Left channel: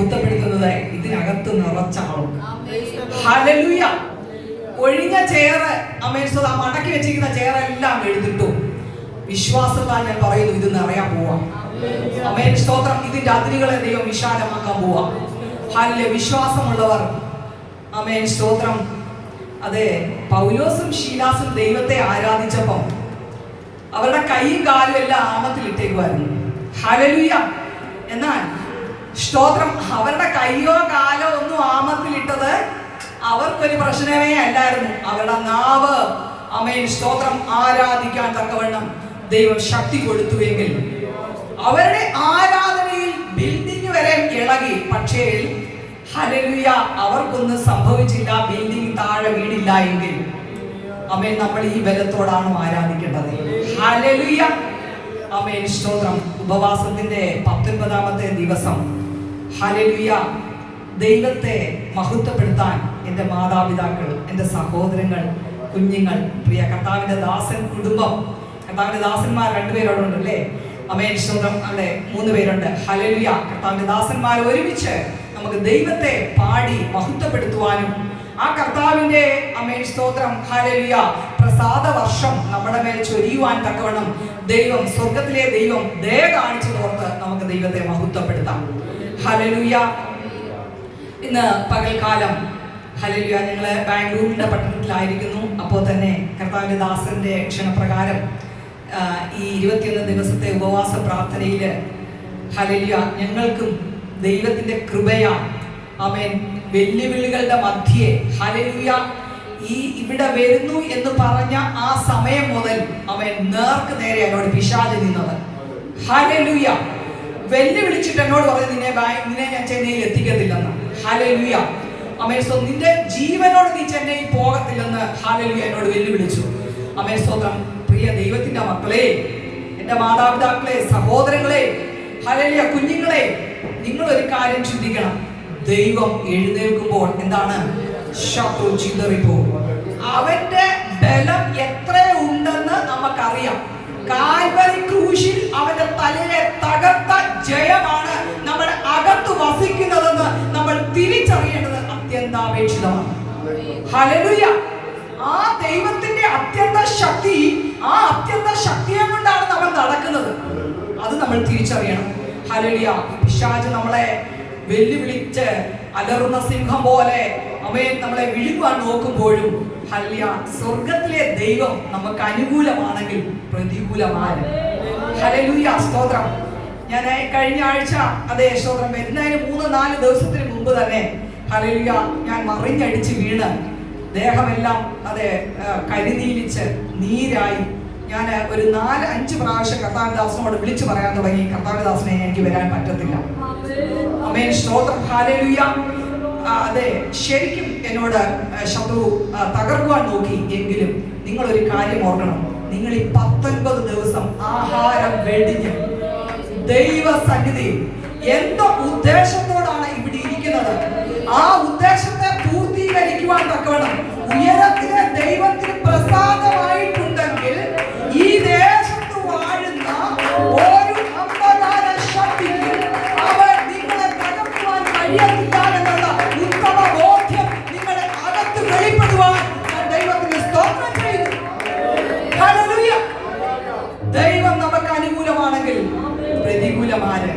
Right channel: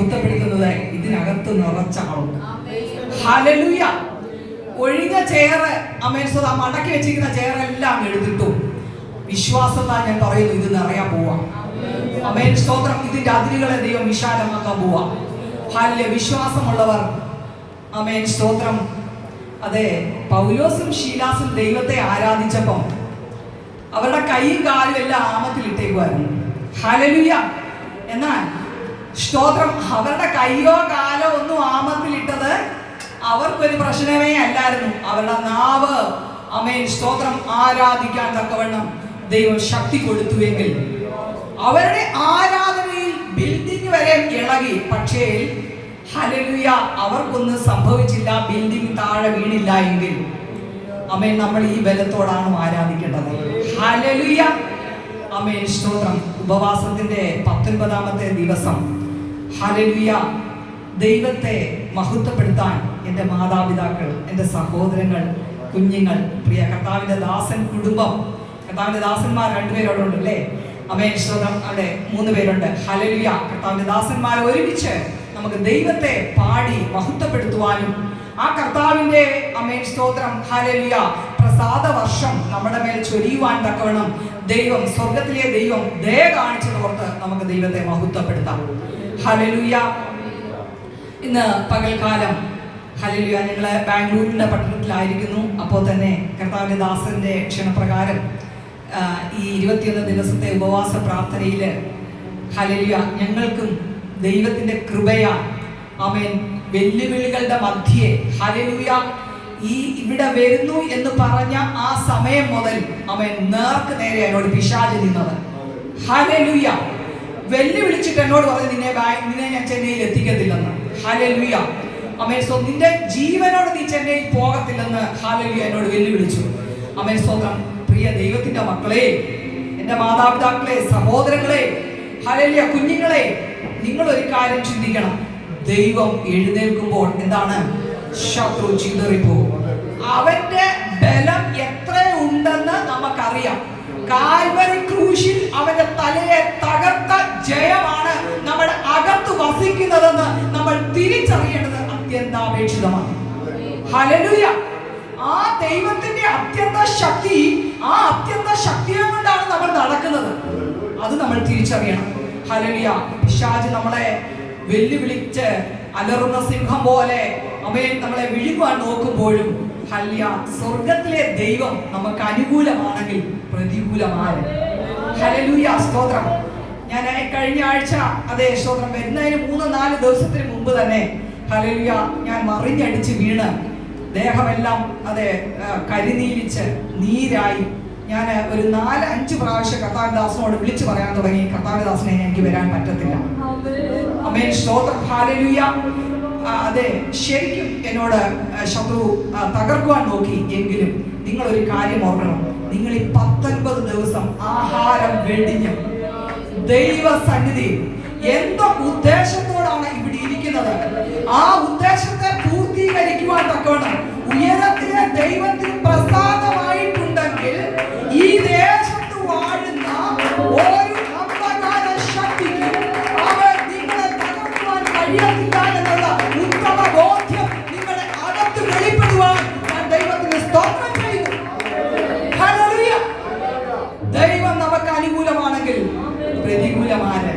മഹത്വപ്പെടുത്തുന്നത് ഇതിനകത്ത് നിറച്ചാളും. ഹല്ലേലൂയ. ഒഴിഞ്ഞ ചെയറ് അമേശ്വര മടക്കി വെച്ചിരിക്കുന്ന ചെയറെല്ലാം എടുത്തിട്ടു വിശ്വാസത്താൽ ഞാൻ പറയുന്നു ഇത് നിറയാൻ പോവാം. അമേൻ സ്തോത്രം. ഇതിന്റെ അതിരുകളെ ദൈവം വിശാലമാക്കാൻ പോവാ. ഹല്ലേലൂയ. വിശ്വാസമുള്ളവർ അമേൻ സ്തോത്രം. അതെ, പൗലോസും ശീലാസും ദൈവത്തെ ആരാധിച്ചപ്പോൾ അവരുടെ കൈയും കാലും എല്ലാം ആമത്തിൽ ഇട്ടേക്കുമായിരുന്നു. ഹല്ലേലൂയ. എന്നാൽ സ്തോത്രം അവരുടെ കൈയോ കാലോ ഒന്നും ആമത്തിലിട്ടത് അവർക്കൊരു പ്രശ്നമേ അല്ലായിരുന്നു. അവരുടെ നാവ് അമേൻ സ്തോത്രം ആരാധിക്കാൻ തക്കവണ്ണം ദൈവം ശക്തി കൊടുത്തുവെങ്കിൽ അവരുടെ ആരാധനയിൽ ബിൽഡിംഗ് വരെ ഇളകി. പക്ഷേ ഹല്ലേലൂയ അവർക്കൊന്നും സംഭവിച്ചില്ല. ബിൽഡിംഗ് താഴെ വീണില്ല എങ്കിൽ അമേൻ നമ്മൾ ഈ ബലത്തോടാണോ ആരാധിക്കേണ്ടത്? ഹല്ലേലൂയ. അമേൻ സ്തോത്രം. ഉപവാസത്തിന്റെ 19ാമത്തെ ദിവസം ഹല്ലേലൂയ ദൈവത്തെ മഹത്വപ്പെടുത്താൻ എൻ്റെ മാതാപിതാക്കൾ, എൻ്റെ സഹോദരങ്ങൾ, കുഞ്ഞുങ്ങൾ, പ്രിയ കർത്താവിന്റെ ദാസൻ കുടുംബം, കർത്താവിന്റെ ദാസന്മാർ 2 പേരോടുണ്ട് അല്ലേ? അമേൻ സ്തോത്രം. അവിടെ 3 പേരുണ്ട്. ഹല്ലേലൂയ. കർത്താവിന്റെ ദാസന്മാർ ഒരുമിച്ച് നമുക്ക് ദൈവത്തെ പാടി മഹത്വപ്പെടുത്തുവാനും ആ കർത്താവിന്റെ അമേൻ സ്തോത്രം ഹല്ലേലൂയ പ്രസാദ വർഷം നമ്മുടെ മേൽ ചൊരിയുവാൻ തക്കവണ്ണം ദൈവം, സ്വർഗത്തിലെ ദൈവം ദയ കാണിച്ചതോർത്ത് നമുക്ക് ദൈവത്തെ മഹത്വപ്പെടുത്താം. ഹല്ലേലൂയ. ഇന്ന് പകൽക്കാലം ഹല്ലേലൂയ ഞങ്ങള് ബാംഗ്ലൂരിന്റെ പട്ടണത്തിലായിരിക്കുന്നു. അപ്പോൾ തന്നെ കർത്താവിന്റെ ദാസന്റെ ക്ഷണപ്രകാരം ഈ 21 ദിവസത്തെ ഉപവാസ പ്രാർത്ഥനയില് ഹല്ലേലൂയ ഞങ്ങൾക്കും ദൈവത്തിന്റെ കൃപയാ ആമേൻ വെല്ലുവിളികളുടെ മധ്യേ ഹല്ലേലൂയ ഈ ഇവിടെ വരുന്നു എന്ന് പറഞ്ഞ ആ സമയം മുതൽ ആമേൻ നേർക്ക് നേരെ എന്നോട് പിശാച് നിന്നത്. ഹല്ലേലൂയ. വെല്ലുവിളിച്ചിട്ട് എന്നോട് പറഞ്ഞു നിന്നെ ഞാൻ ചെന്നൈയിൽ എത്തിക്കത്തില്ലെന്ന്. ഹല്ലേലൂയ. ആമേൻ. സോ നിന്റെ ജീവനോട് നീ ചെന്നൈയിൽ പോകത്തില്ലെന്ന് ഹല്ലേലൂയ എന്നോട് വെല്ലുവിളിച്ചു. ആമേൻ സ്തോത്രം. പ്രിയ ദൈവത്തിന്റെ മക്കളെ, എൻ്റെ മാതാപിതാക്കളെ, സഹോദരങ്ങളെ, ഹല്ലേലൂയ കുഞ്ഞുങ്ങളെ, നിങ്ങൾ ഒരു കാര്യം ചിന്തിക്കണം. ദൈവം എഴുന്നേൽക്കുമ്പോൾ എന്താണ്? ശത്രു ചിതറിപ്പോകും. അവന്റെ ബലം എത്ര ഉണ്ടെന്ന് നമുക്കറിയാം. കാൽവരി ക്രൂശിൽ അവന്റെ തലയെ തകർത്ത ജയമാണ് നമ്മുടെ അകത്ത് വസിക്കുന്നതെന്ന് നമ്മൾ തിരിച്ചറിയേണ്ടത് അത്യന്താപേക്ഷിതമാണ്. ഹല്ലേലൂയ. ആ ദൈവത്തിന്റെ അത്യന്ത ശക്തി, ആ അത്യന്ത ശക്തിയെ കൊണ്ടാണ് നമ്മൾ നടക്കുന്നത്. അത് നമ്മൾ തിരിച്ചറിയണം. ഹല്ലേലൂയ. പിശാച് നമ്മളെ വെല്ലുവിളിച്ച് അലറുന്ന സിംഹം പോലെ അമേൻ നമ്മളെ വിഴുങ്ങുവാൻ നോക്കുമ്പോഴും ഹല്ലേലൂയ സ്വർഗത്തിലെ ദൈവം നമുക്ക് അനുകൂലമാണെങ്കിൽ പ്രതികൂലമാണ്. ഹല്ലേലൂയ സ്തോത്രം. ഞാൻ കഴിഞ്ഞ ആഴ്ച അതേ സ്തോത്രം വരുന്നതിന് 3-4 ദിവസത്തിന് മുമ്പ് തന്നെ ഹല്ലേലൂയ ഞാൻ മറിഞ്ഞടിച്ച് വീണ് ദേഹമെല്ലാം അതെ കരിനീലിച്ച് നീരായി ഞാൻ ഒരു 4-5 പ്രാവശ്യം കർത്താവിദാസനോട് വിളിച്ചു പറയാൻ തുടങ്ങി, കർത്താവിദാസനെ എനിക്ക് വരാൻ പറ്റത്തില്ല. ആമേൻ സ്തോത്രം. ഹല്ലേലൂയ. അതെ ശരിക്കും എന്നോട് ശത്രു തകർക്കുവാൻ നോക്കി. എങ്കിലും നിങ്ങൾ ഒരു കാര്യം ഓർക്കണം. നിങ്ങൾ ഈ 19 ദിവസം ആഹാരം വെടിഞ്ഞ് ദൈവ സന്നിധി എന്തോ ഉദ്ദേശത്തോടാണ് ഇവിടെ ഇരിക്കുന്നത്, ആ ഉദ്ദേശത്തെ പൂർത്തീകരിക്കുവാൻ തക്കവണ്ണം ഉയരത്തിന് ദൈവത്തിന് പ്രസാദമായിട്ടുണ്ടെങ്കിൽ ഈ ദേശത്ത് വാഴുന്ന ഒരു അന്ധകാര ശക്തിക്ക് അവർ നിങ്ങളെ തകർക്കുവാൻ കഴിയത്തില്ല എന്നുള്ള ഉത്തമ ബോധ്യം നിങ്ങളുടെ അകത്ത് വെളിപ്പെടുവാൻ ദൈവത്തിന് സ്തോത്രം ചെയ്യുന്നു. ഹല്ലേലൂയ. ദൈവം നമുക്ക് അനുകൂലമാണെങ്കിൽ പ്രതികൂലമാണ്.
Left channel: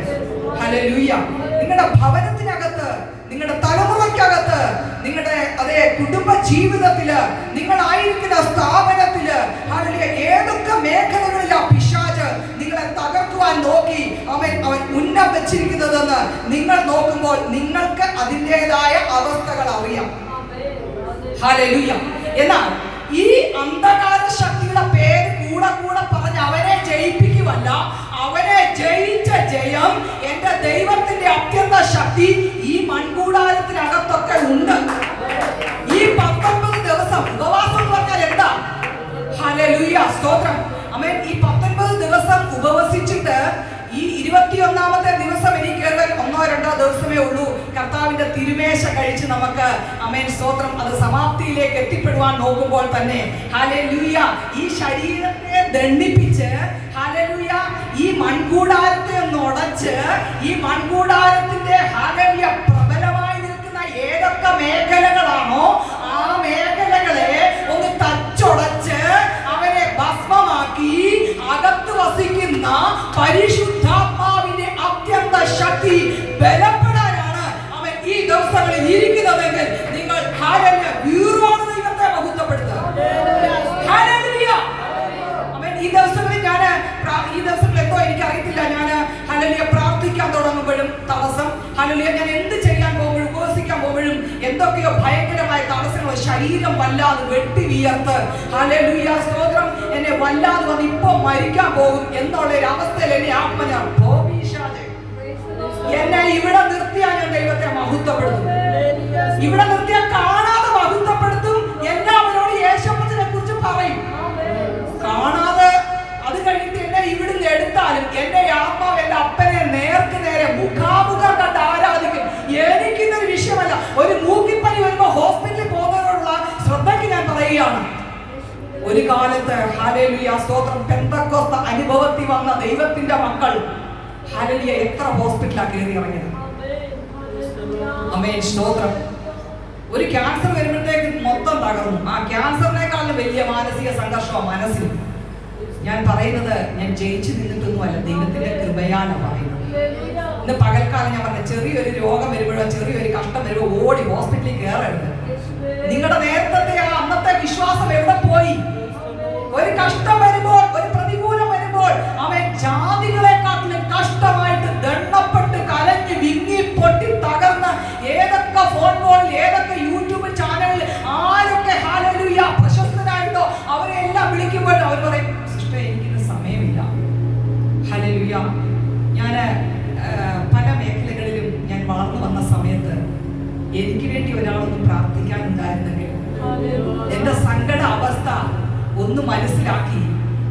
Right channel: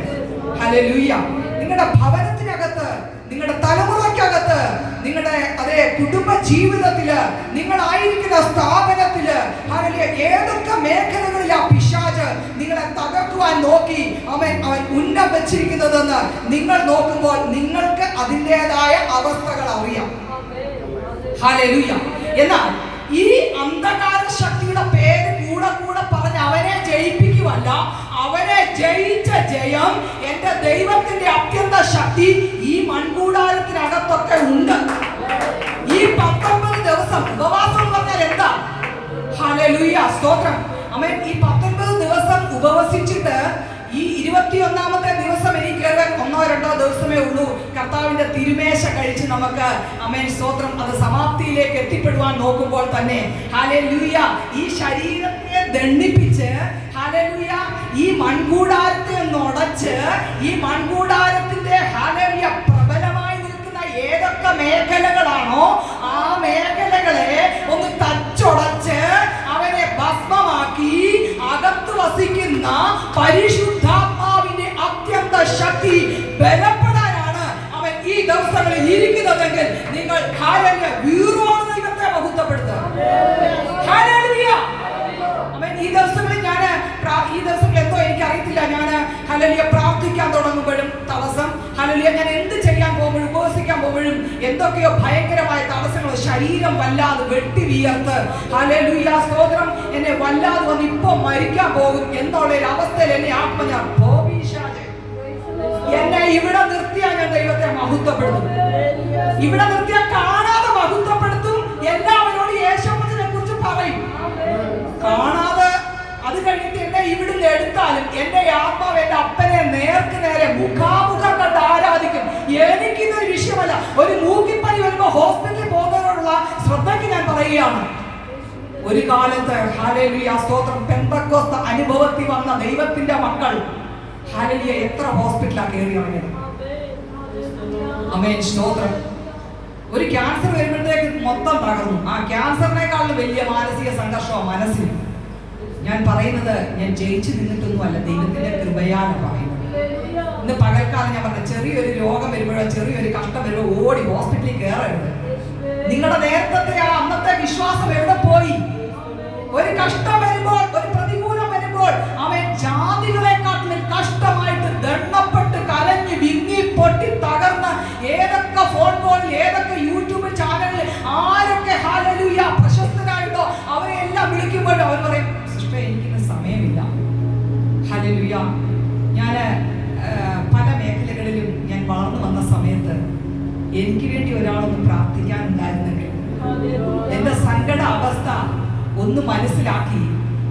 ഹല്ലേലൂയ. നിങ്ങളുടെ ഭവനത്തിനകത്ത്, നിങ്ങളുടെ തലമുറയ്ക്കകത്ത്, നിങ്ങളുടെ അതേ കുടുംബ ജീവിതത്തില്, നിങ്ങളായിരിക്കുന്ന സ്ഥാപനത്തില് ഹല്ലേലൂയ ഏതൊക്കെ മേഖലകളിലാ പിശാച് നിങ്ങളെ തകർക്കുവാൻ നോക്കി അവൻ ഉന്നം വെച്ചിരിക്കുന്നതെന്ന് നിങ്ങൾ നോക്കുമ്പോൾ നിങ്ങൾക്ക് അതിൻ്റെതായ അവസ്ഥകൾ അറിയാം. ഹല്ലേലൂയ. എന്നാൽ ഈ അന്ധകാര ശക്തിയുടെ പേര് കൂടെ പറഞ്ഞ് അവനെ ജയിപ്പിക്കുവല്ല, അവനെ ജയിച്ച ജയം എന്റെ ദൈവത്തിന്റെ അത്യന്ത ശക്തി ഈ മൺകൂടാരത്തിനകത്തൊക്കെ ഉണ്ട്. ഈ 19 ദിവസം ഉപവാസം പറഞ്ഞാൽ എന്താ? ഹല്ലേലൂയ സ്തോത്രം. ആമേൻ. ഈ 19 ദിവസം ഉപവസിച്ചിട്ട് ഈ 21ാമത്തെ ദിവസം എനിക്ക് 1-2 ദിവസമേ ഉള്ളൂ കർത്താവിന്റെ തിരുമേശ കഴിച്ച് നമുക്ക് ആമേൻ സ്തോത്രം അത് സമാപ്തിയിലേക്ക് എത്തിപ്പെടുവാൻ നോക്കുമ്പോൾ തന്നെ ഹല്ലേലൂയ ഈ ശരീരത്തെ ദണ്ഡിപ്പിച്ച് ഹല്ലേലൂയ ഈ മൺകൂടാരത്തെ ഉടച്ച് ഈ മൺകൂടാരത്തിന്റെ പിശാചിന്റെ ഹല്ലേലൂയ പ്രബലമായി നിൽക്കുന്ന ഏതൊക്കെ മേഖലകളാണോ ആ മേഖലകളെ ഒന്ന് തച്ചുടച്ച് അവനെ ഭസ്മമാക്കി അകത്ത് വസിക്കുന്ന പരിശുദ്ധാത്മാവിന്റെ അത്യന്ത ശക്തി ബലപ്പെടാനാണ് അവൻ ഈ ദിവസങ്ങളിൽ ഇരിക്കുന്നതെങ്കിൽ നിങ്ങൾ ഹല്ലേലൂയ വീറോട് ദൈവത്തെ മഹത്വപ്പെടുത്തുക. ഹല്ലേലൂയ. അവൻ ഈ ദിവസങ്ങളിൽ ഈ ദിവസങ്ങളിൽ എന്തോ എനിക്ക് അറിയത്തില്ല, ഞാൻ ഹല്ലേലൂയ പ്രാർത്ഥിക്കാൻ തുടങ്ങുമ്പോഴും തടസ്സം, ഹല്ലേലൂയ ഞാൻ എന്ത് ചെയ്യാൻ പോകുമ്പോഴും ഉപവസിക്കാൻ പോകുമ്പോഴും എന്തൊക്കെയോ ഭയങ്കരമായ തടസ്സങ്ങൾ, ശരീരം വല്ലാതെ വെട്ടി വിയർത്ത് ഹല്ലേലൂയ സ്തോത്രം എന്നെ വല്ലാതെ വന്ന് ഇപ്പൊ മരിക്കാൻ പോകും എന്നുള്ള ഒരു അവസ്ഥയിൽ എന്നെ ആത്മ ഞാൻ എന്നെ ഇവിടെ നിർത്തിയാൽ ഞാൻ ദൈവത്തെ മഹത്വപ്പെടുത്തും. ഇവിടെ നിർത്തിയാൽ കാണാതെ മഹത്വപ്പെടുത്തും. എല്ലാവരോടും യേശുവിനെ കുറിച്ച് പറയും. കാണാതെ അത് കഴിഞ്ഞിട്ട് എന്നെ ഇവിടുന്ന് എടുത്താലും എന്റെ ആത്മാവ് എന്റെ അപ്പനെ നേർക്ക് നേരെ മുഖാമുഖം കണ്ട് ആരാധിക്കും. എനിക്കിന്നൊരു വിഷയമല്ല. ഒരു മൂക്കിപ്പനി വരുമ്പോ ഹോസ്പിറ്റലിൽ പോകുന്നതിനോടുള്ള ശ്രദ്ധയ്ക്ക് ഞാൻ പറയുകയാണ്. ഒരു കാലത്ത് ഹല്ലേലൂയ സ്തോത്രം പെന്തക്കോസ്ത് അനുഭവത്തിൽ വന്ന ദൈവത്തിന്റെ മക്കൾ ഹല്ലേലൂയ എത്ര ഹോസ്പിറ്റലാ കയറി ഇറങ്ങിയത്. ആമേൻ സ്തോത്രം. ഒരു ക്യാൻസർ വരുമ്പോഴത്തേക്ക് മൊത്തം തകർന്നു. ആ ക്യാൻസറിനേക്കാളും വലിയ മാനസിക സംഘർഷമാണ് മനസ്സിൽ. ഞാൻ പറയുന്നത് ഞാൻ ജയിച്ചു നിന്നിട്ടൊന്നുമല്ല, ദൈവത്തിന്റെ കൃപയാണ് പറയുന്നത്. ഇന്ന് പകൽക്കാലം ഞാൻ പറഞ്ഞ ചെറിയൊരു രോഗം വരുമ്പോഴോ ചെറിയൊരു കഷ്ടം വരുമ്പോ ഓടി ഹോസ്പിറ്റലിൽ കയറരുത്. നിങ്ങളുടെ നേരത്തെ ആ അന്നത്തെ വിശ്വാസം എവിടെ പോയി? ഒരു കഷ്ടം വരുമ്പോൾ, ഒരു പ്രതികൂലം വരുമ്പോൾ അവൻ ജാതികളെക്കാട്ടിലും കഷ്ടമായിട്ട് ദണ്ണപ്പെട്ട് കലഞ്ഞ് വിങ്ങി പൊട്ടി തകർന്ന് ഏതൊക്കെ ഫോൺ കോളിൽ ഏതൊക്കെ യൂട്യൂബ് ചാനലിൽ ആരൊക്കെ ഹല്ലേലൂയ പ്രശസ്തരായിട്ടോ അവരെ എല്ലാം വിളിക്കുമ്പോൾ അവർ പറയും, സിസ്റ്റർ എനിക്കിന്ന് സമയമില്ല. ഹല്ലേലൂയ. ഞാൻ പല മേഖലകളിലും ഞാൻ വളർന്നു വന്ന സമയത്ത് എനിക്ക് വേണ്ടി ഒരാളൊന്ന് പ്രാർത്ഥിക്കാനുണ്ടായിരുന്നെങ്കിൽ, എന്റെ സങ്കട അവസ്ഥ ഒന്ന് മനസ്സിലാക്കി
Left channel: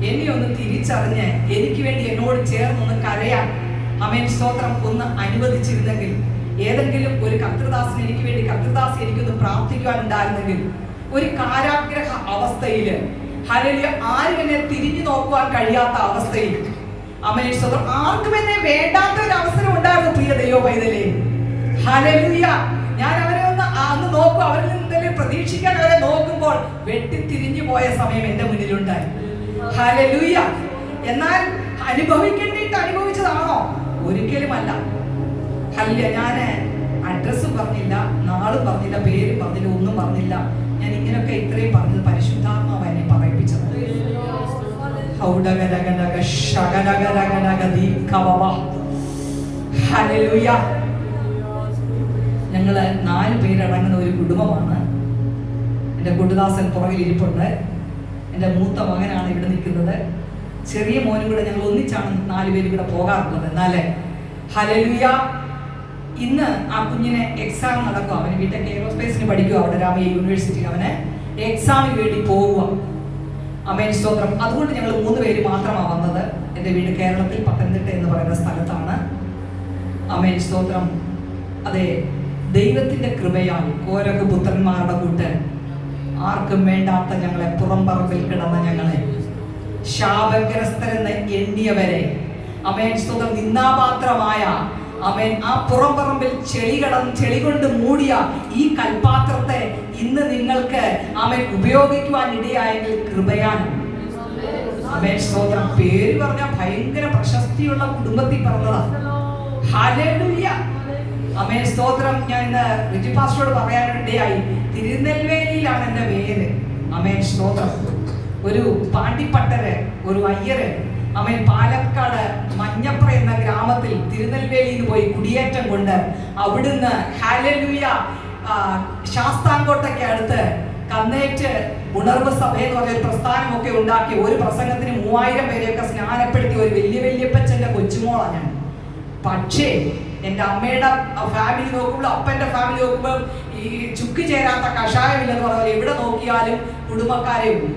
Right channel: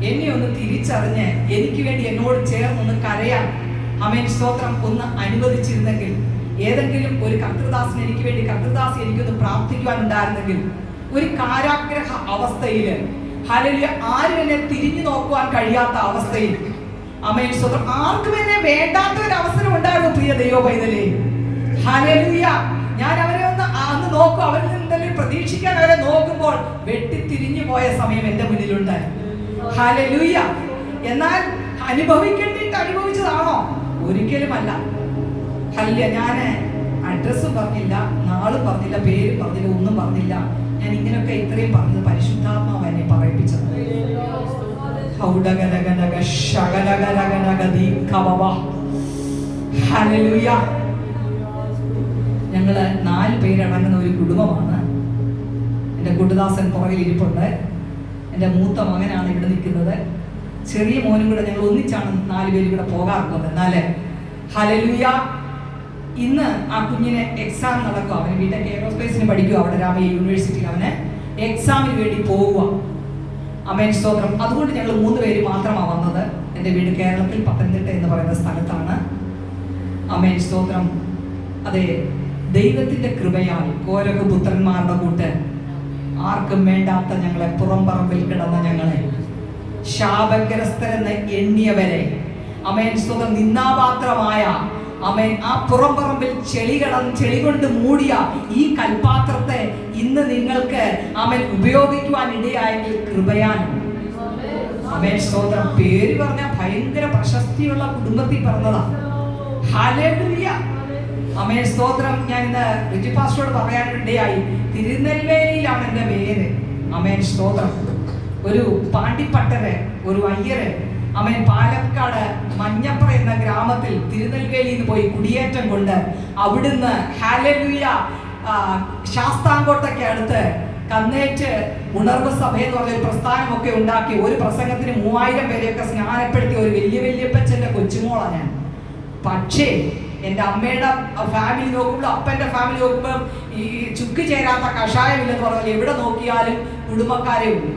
എന്നെ ഒന്ന് തിരിച്ചറിഞ്ഞ് എനിക്ക് വേണ്ടി എന്നോട് ചേർന്നൊന്ന് കരയാൻ ആമേൻ സ്തോത്രം ഒന്ന് അനുവദിച്ചിരുന്നെങ്കിൽ, ഏതെങ്കിലും ഒരു കർത്തൃദാസൻ എനിക്ക് വേണ്ടി കർത്തൃദാസി എനിക്കൊന്ന് പ്രാർത്ഥിക്കുവാനുണ്ടായിരുന്നെങ്കിൽ, ഒരു കാരാഗ്രഹ അവസ്ഥയിൽ ഹല്ലേലൂയ ആരും എന്നെ തിരിഞ്ഞു നോക്കുവാൻ കഴിയാത്ത അവസ്ഥയിൽ ആമേൻ സ്തോത്രം ആർക്കും എന്നെ വേണ്ടാത്ത ഒരു അവസരം ഉണ്ടായിരുന്നു പ്രിയ ദൈവ പൈതലേ. ഹല്ലേലൂയ. ഞാൻ അവരെ ഒന്ന് നോക്കും, അവരിൽ നിന്നെങ്കിലും പ്രതീക്ഷിക്കാൻ അവരെ നോക്കുമ്പോൾ വെട്ടിത്തിരിഞ്ഞു പോയ സമയം എന്റെ മുന്നിലുണ്ടായി. ഹല്ലേലൂയ. എന്നാൽ അനുഭവിക്കേണ്ടിട്ട് അനുഭവിച്ചതാണോ? ഒരിക്കലുമല്ല. ഹല്ലേലൂയ. ഞാൻ അഡ്രസ്സ് പറഞ്ഞില്ല, നാള് പറഞ്ഞില്ല, പേര് പറഞ്ഞില്ല, ഒന്നും പറഞ്ഞില്ല. ഞാൻ ഇങ്ങനെയൊക്കെ ഇത്രയും പറഞ്ഞത് പരിശുദ്ധാത്മാവ് എന്നെ പറയിപ്പിച്ചത്. ഹല്ലേലൂയ. ഞങ്ങള് 4 പേരടങ്ങുന്ന ഒരു കുടുംബമാണ്. എൻ്റെ കുടുദാസൻ പുറകിൽ ഇരിപ്പുണ്ട്. എൻ്റെ മൂത്ത മകനാണ് ഇവിടെ നിൽക്കുന്നത്. ചെറിയ മോനും കൂടെ ഞങ്ങൾ ഒന്നിച്ചാണ് 4 പേരും കൂടെ പോകാറുള്ളത്. എന്നാല് ഹല്ലേലൂയ ഇന്ന് ആ കുഞ്ഞിന് എക്സാം നടക്കുക. അവന് ബിടെക് എയറോസ്പേസിന് പഠിക്കുക. അവിടെ രാമയ്യ യൂണിവേഴ്സിറ്റിയിൽ അവന് എക്സാമിന് വേണ്ടി പോവുക. ആമേൻ സ്തോത്രം. അതുകൊണ്ട് ഞങ്ങൾ 3 പേര് മാത്രമാണ് വന്നത്. എൻ്റെ വീട് കേരളത്തിൽ പത്തനംതിട്ട എന്ന് പറയുന്ന സ്ഥലത്താണ്. ആമേൻ സ്തോത്രം. അതെ, ദൈവത്തിന്റെ കൃപയാൽ ഓരോ പുത്രന്മാരുടെ കൂട്ട് ആർക്കും വേണ്ടാത്ത ഞങ്ങളെ പുറംപറമ്പിൽ കിടന്ന ഞങ്ങളെ ശാപഗ്രസ്തരെന്ന് എണ്ണിയവരെ ആമേൻ സ്തോത്രം നിന്നാപാത്രമായ ആമേൻ ആ പുറംപറമ്പിൽ ചെളി കൊണ്ട് മൂടിയ ഈ കൽപാത്രത്തെ ഇന്ന് നിങ്ങൾക്ക് ആമേൻ ഉപയോഗിക്കുവാൻ ഇടയായെങ്കിൽ കൃപയാണ്. ആമേൻ സ്തോത്രം. പേര് പറഞ്ഞ ഭയങ്കര പ്രശസ്തിയുള്ള കുടുംബത്തിൽ പറഞ്ഞതാ. ഹല്ലേലൂയ. ആമേൻ സ്തോത്രം. ഞാൻ ഇന്ന് റിജി പാസ്റ്ററോട് പറയാനിടയായി, തിരുനെൽവേലിയിലാണ് എൻ്റെ പേര്. ആമേൻ സ്തോത്രം. ഒരു പാണ്ടിപ്പട്ടര്, ഒരു അയ്യര് അവൻ പാലക്കാട് മഞ്ഞപ്ര എന്ന ഗ്രാമത്തിൽ തിരുനെൽവേലിയിൽ പോയി കുടിയേറ്റം കൊണ്ട് അവിടുന്ന് ഹല്ലേലൂയ ശാസ്താംകോട്ടയ്ക്ക് അടുത്ത് കന്നേറ്റ് ഉണർവ് സഭ എന്ന് പറഞ്ഞ ഒരു പ്രസ്ഥാനമൊക്കെ ഉണ്ടാക്കി ഒരു പ്രസംഗത്തിന് 3000 പേരെയൊക്കെ സ്നാനപ്പെടുത്തിയ ഒരു വല്യപ്പച്ചന്റെ കൊച്ചുമോളാണ് ഞാൻ. പക്ഷേ എൻ്റെ അമ്മയുടെ ഫാമിലി നോക്കുമ്പോൾ, അപ്പൻ്റെ ഫാമിലി നോക്കുമ്പോൾ ഈ ചുക്ക് ചേരാത്ത കഷായമില്ലെന്ന് പറഞ്ഞാൽ എവിടെ നോക്കിയാലും കുടുംബക്കാരെ ഉള്ളൂ.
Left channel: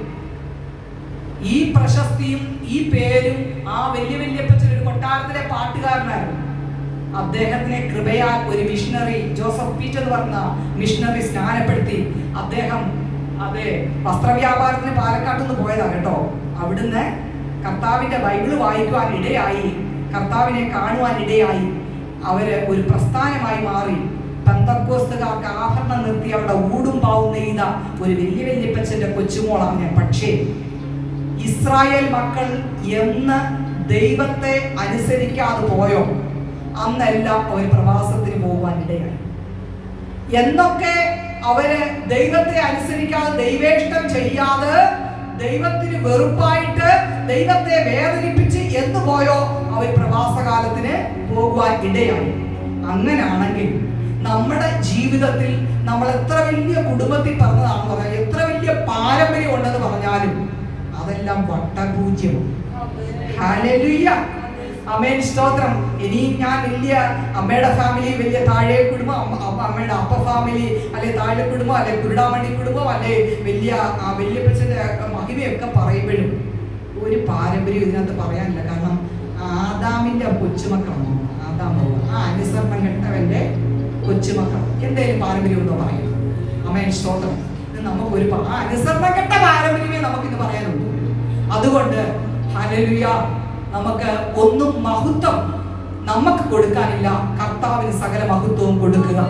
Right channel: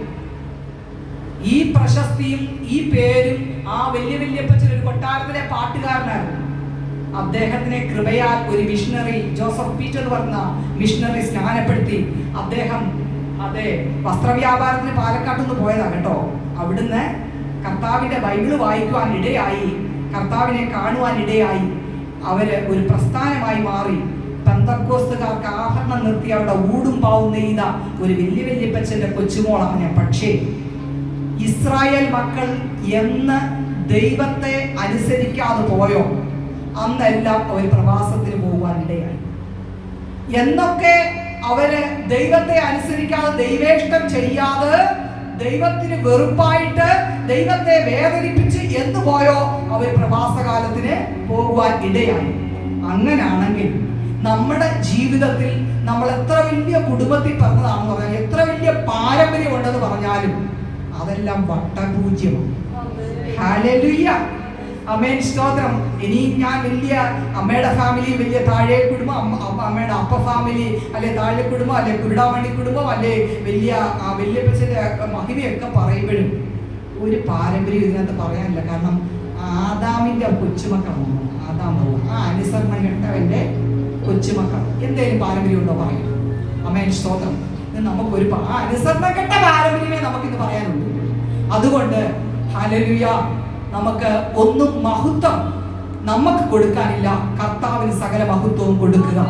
ഈ പ്രശസ്തിയും ഈ പേരും ആ വല്യപ്പച്ചൻ ഒരു കൊട്ടാരത്തിലെ പാട്ടുകാരനായിരുന്നു. അദ്ദേഹത്തിനെ കൃപയാൽ ഒരു മിഷണറി ജോസഫ് പീറ്റർ പറഞ്ഞ മിഷണറി സ്നാനപ്പെടുത്തി. അദ്ദേഹം അതെ വസ്ത്രവ്യാപാരത്തിന് പാലക്കാട്ട് നിന്ന് പോയതാണ് കേട്ടോ. അവിടുന്ന് കർത്താവിന്റെ ബൈബിള് വായിക്കുവാൻ ഇടയായി, കർത്താവിനെ കാണുവാൻ ഇടയായി. അവര് ഒരു പ്രസ്ഥാനമായി മാറി. പെന്തക്കോസ്തുകാർക്ക് ആഭരണം നിർത്തി അവിടെ ഊടും പാവും നെയ്ത ഒരു വലിയ വല്യപ്പച്ചന്റെ കൊച്ചുമോളാണ് ഞാൻ. പക്ഷേ ഇസ്രായേൽ മക്കൾ എന്ന് ദൈവത്തെ അനുസരിക്കാതെ പോയോ അന്നെല്ലാം അവർ പ്രവാസത്തിന് പോകുവാൻ ഇടയായി. എന്നൊക്കെ അവര് ദൈവത്തെ അനുസരിക്കാതെ, ദൈവേഷ്ടം ചെയ്യാതെ, ദൈവത്തിന് വെറുപ്പായിട്ട്, ദൈവത്തെ വേദനിപ്പിച്ച് എന്ന് പോയോ അവർ പ്രവാസകാലത്തിന് പോകുവാൻ ഇടയായി. അങ്ങനെയാണെങ്കിൽ നമ്മുടെ ജീവിതത്തിൽ നമ്മൾ എത്ര വലിയ കുടുംബത്തിൽ പറഞ്ഞതാണെന്ന് പറഞ്ഞാൽ, എത്ര വലിയ പാരമ്പര്യം ഉണ്ടെന്ന് പറഞ്ഞാലും അതെല്ലാം വട്ടപൂജ്യമാണ്. ഹല്ലേലൂയ, ആമേൻ, സ്തോത്രം. ഇനിയും ഞാൻ വലിയ അമ്മയുടെ ഫാമിലി, വലിയ താഴെ കുടുംബം, അമ്മയുടെ അപ്പ ഫാമിലി, അല്ലെ താഴെ കുടുംബം, അല്ലെ കുരുടാമണി കുടുംബം, അല്ലെ വല്യപ്പച്ചന്റെ മഹിമയൊക്കെ പറയുമ്പോഴും ഒരു പാരമ്പര്യം ഇതിനകത്ത് പറയാനില്ല. കാരണം ആദാമിന്റെ കൊച്ചുമക്കളാണ്. ആ അനുസരണം കെട്ടവന്റെ കൊച്ചുമക്കൾ എന്തേലും പാരമ്പര്യം ഉണ്ടോ പറയും. ആമേൻ, സ്തോത്രം. നമുക്കൊരു അനുസരണം കെട്ട പാരമ്പര്യമേ നമുക്കിന്ന് പറയാനുള്ളൂ. അതുകൊണ്ട് ഹല്ലേലൂയ, നമുക്ക് ഒന്നും മഹത്വം നമുക്ക് കൊടുക്കാനില്ല. കർത്താവിന് സകല മഹത്വവും കൊടുക്കുക.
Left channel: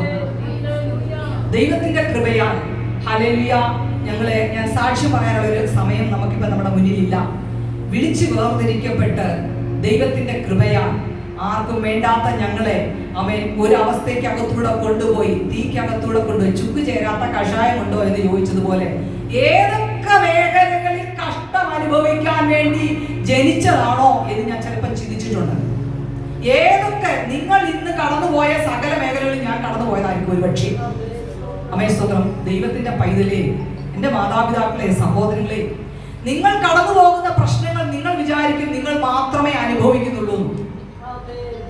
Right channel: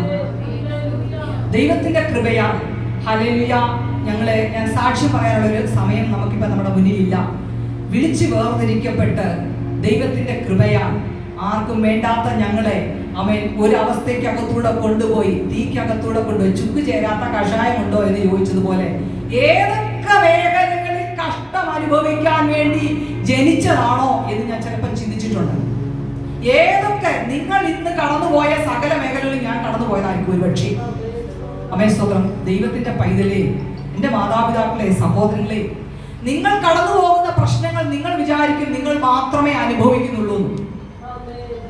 ദൈവത്തിന്റെ കൃപയാണ്. ഹല്ലേലൂയ. ഞാൻ സാക്ഷി പറയാനുള്ള ഒരു സമയം നമുക്കിപ്പോ നമ്മുടെ മുന്നിലില്ല. വിളിച്ചു വേർതിരിക്കപ്പെട്ട് ദൈവത്തിന്റെ കൃപയാണ്. ആർക്കും വേണ്ടാത്ത ഞങ്ങളെ അവൻ ഒരവസ്ഥയ്ക്ക് അകത്തൂടെ കൊണ്ടുപോയി, തീക്കകത്തൂടെ കൊണ്ടുപോയി. ചുക്ക് ചേരാത്ത കഷായമുണ്ടോ എന്ന് ചോദിച്ചതുപോലെ ഏതൊക്കെ മേഖലകളിൽ കഷ്ടം അനുഭവിക്കാൻ വേണ്ടി ജനിച്ചതാണോ എന്ന് ഞാൻ ചിലപ്പോൾ ചിന്തിച്ചിട്ടുണ്ട്. ഏതൊക്കെ നിങ്ങൾ ഇന്ന് കടന്നുപോയ സകല മേഖലകളിൽ ഞാൻ കടന്നുപോയതായിരിക്കും ഒരുപക്ഷെ. അമേ സ്തോത്രം. ദൈവത്തിന്റെ പൈതലേ, എന്റെ മാതാപിതാക്കളെ, സഹോദരങ്ങളെ, നിങ്ങൾ കടന്നു പോകുന്ന പ്രശ്നങ്ങൾ നിങ്ങൾ വിചാരിക്കും നിങ്ങൾ മാത്രമേ അനുഭവിക്കുന്നുള്ളൂ.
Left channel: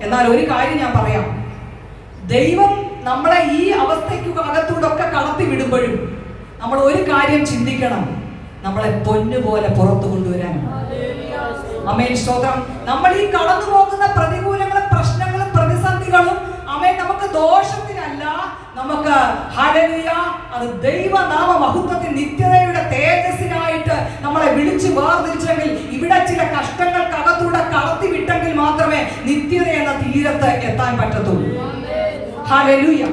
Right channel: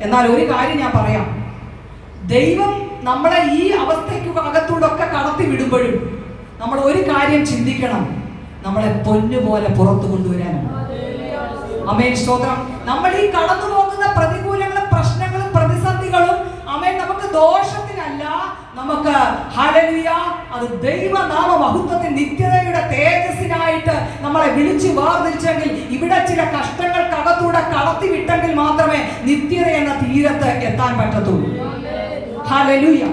എന്നാൽ ഒരു കാര്യം ഞാൻ പറയാം, ദൈവം നമ്മളെ ഈ അവസ്ഥയ്ക്ക് അകത്തൂടെ ഒക്കെ കടത്തി വിടുമ്പോഴും നമ്മൾ ഒരു കാര്യം ചിന്തിക്കണം, നമ്മളെ പൊന്നുപോലെ പുറത്തു കൊണ്ടുവരാനാണ്. ആമേൻ, സ്തോത്രം. നമ്മൾ ഈ കടന്നു പോകുന്ന പ്രതികൂലങ്ങളും പ്രശ്നങ്ങളും പ്രതിസന്ധികളും ആമേൻ നമുക്ക് ദോഷത്തിനല്ല, നമുക്ക് ഹല്ലേലൂയ അത് ദൈവനാമ മഹത്വത്തിന്റെ നിത്യതയുടെ തേജസ്സിനായിട്ട് നമ്മളെ വിളിച്ചു വേർതിരിച്ചെങ്കിൽ, ഇവിടെ ചില കഷ്ടങ്ങൾ കടത്തൂടെ കടത്തി വിട്ടെങ്കിൽ മാത്രമേ നിത്യത എന്ന തീരത്ത് എത്താൻ പറ്റത്തുള്ളൂ. ഹല്ലേലൂയ.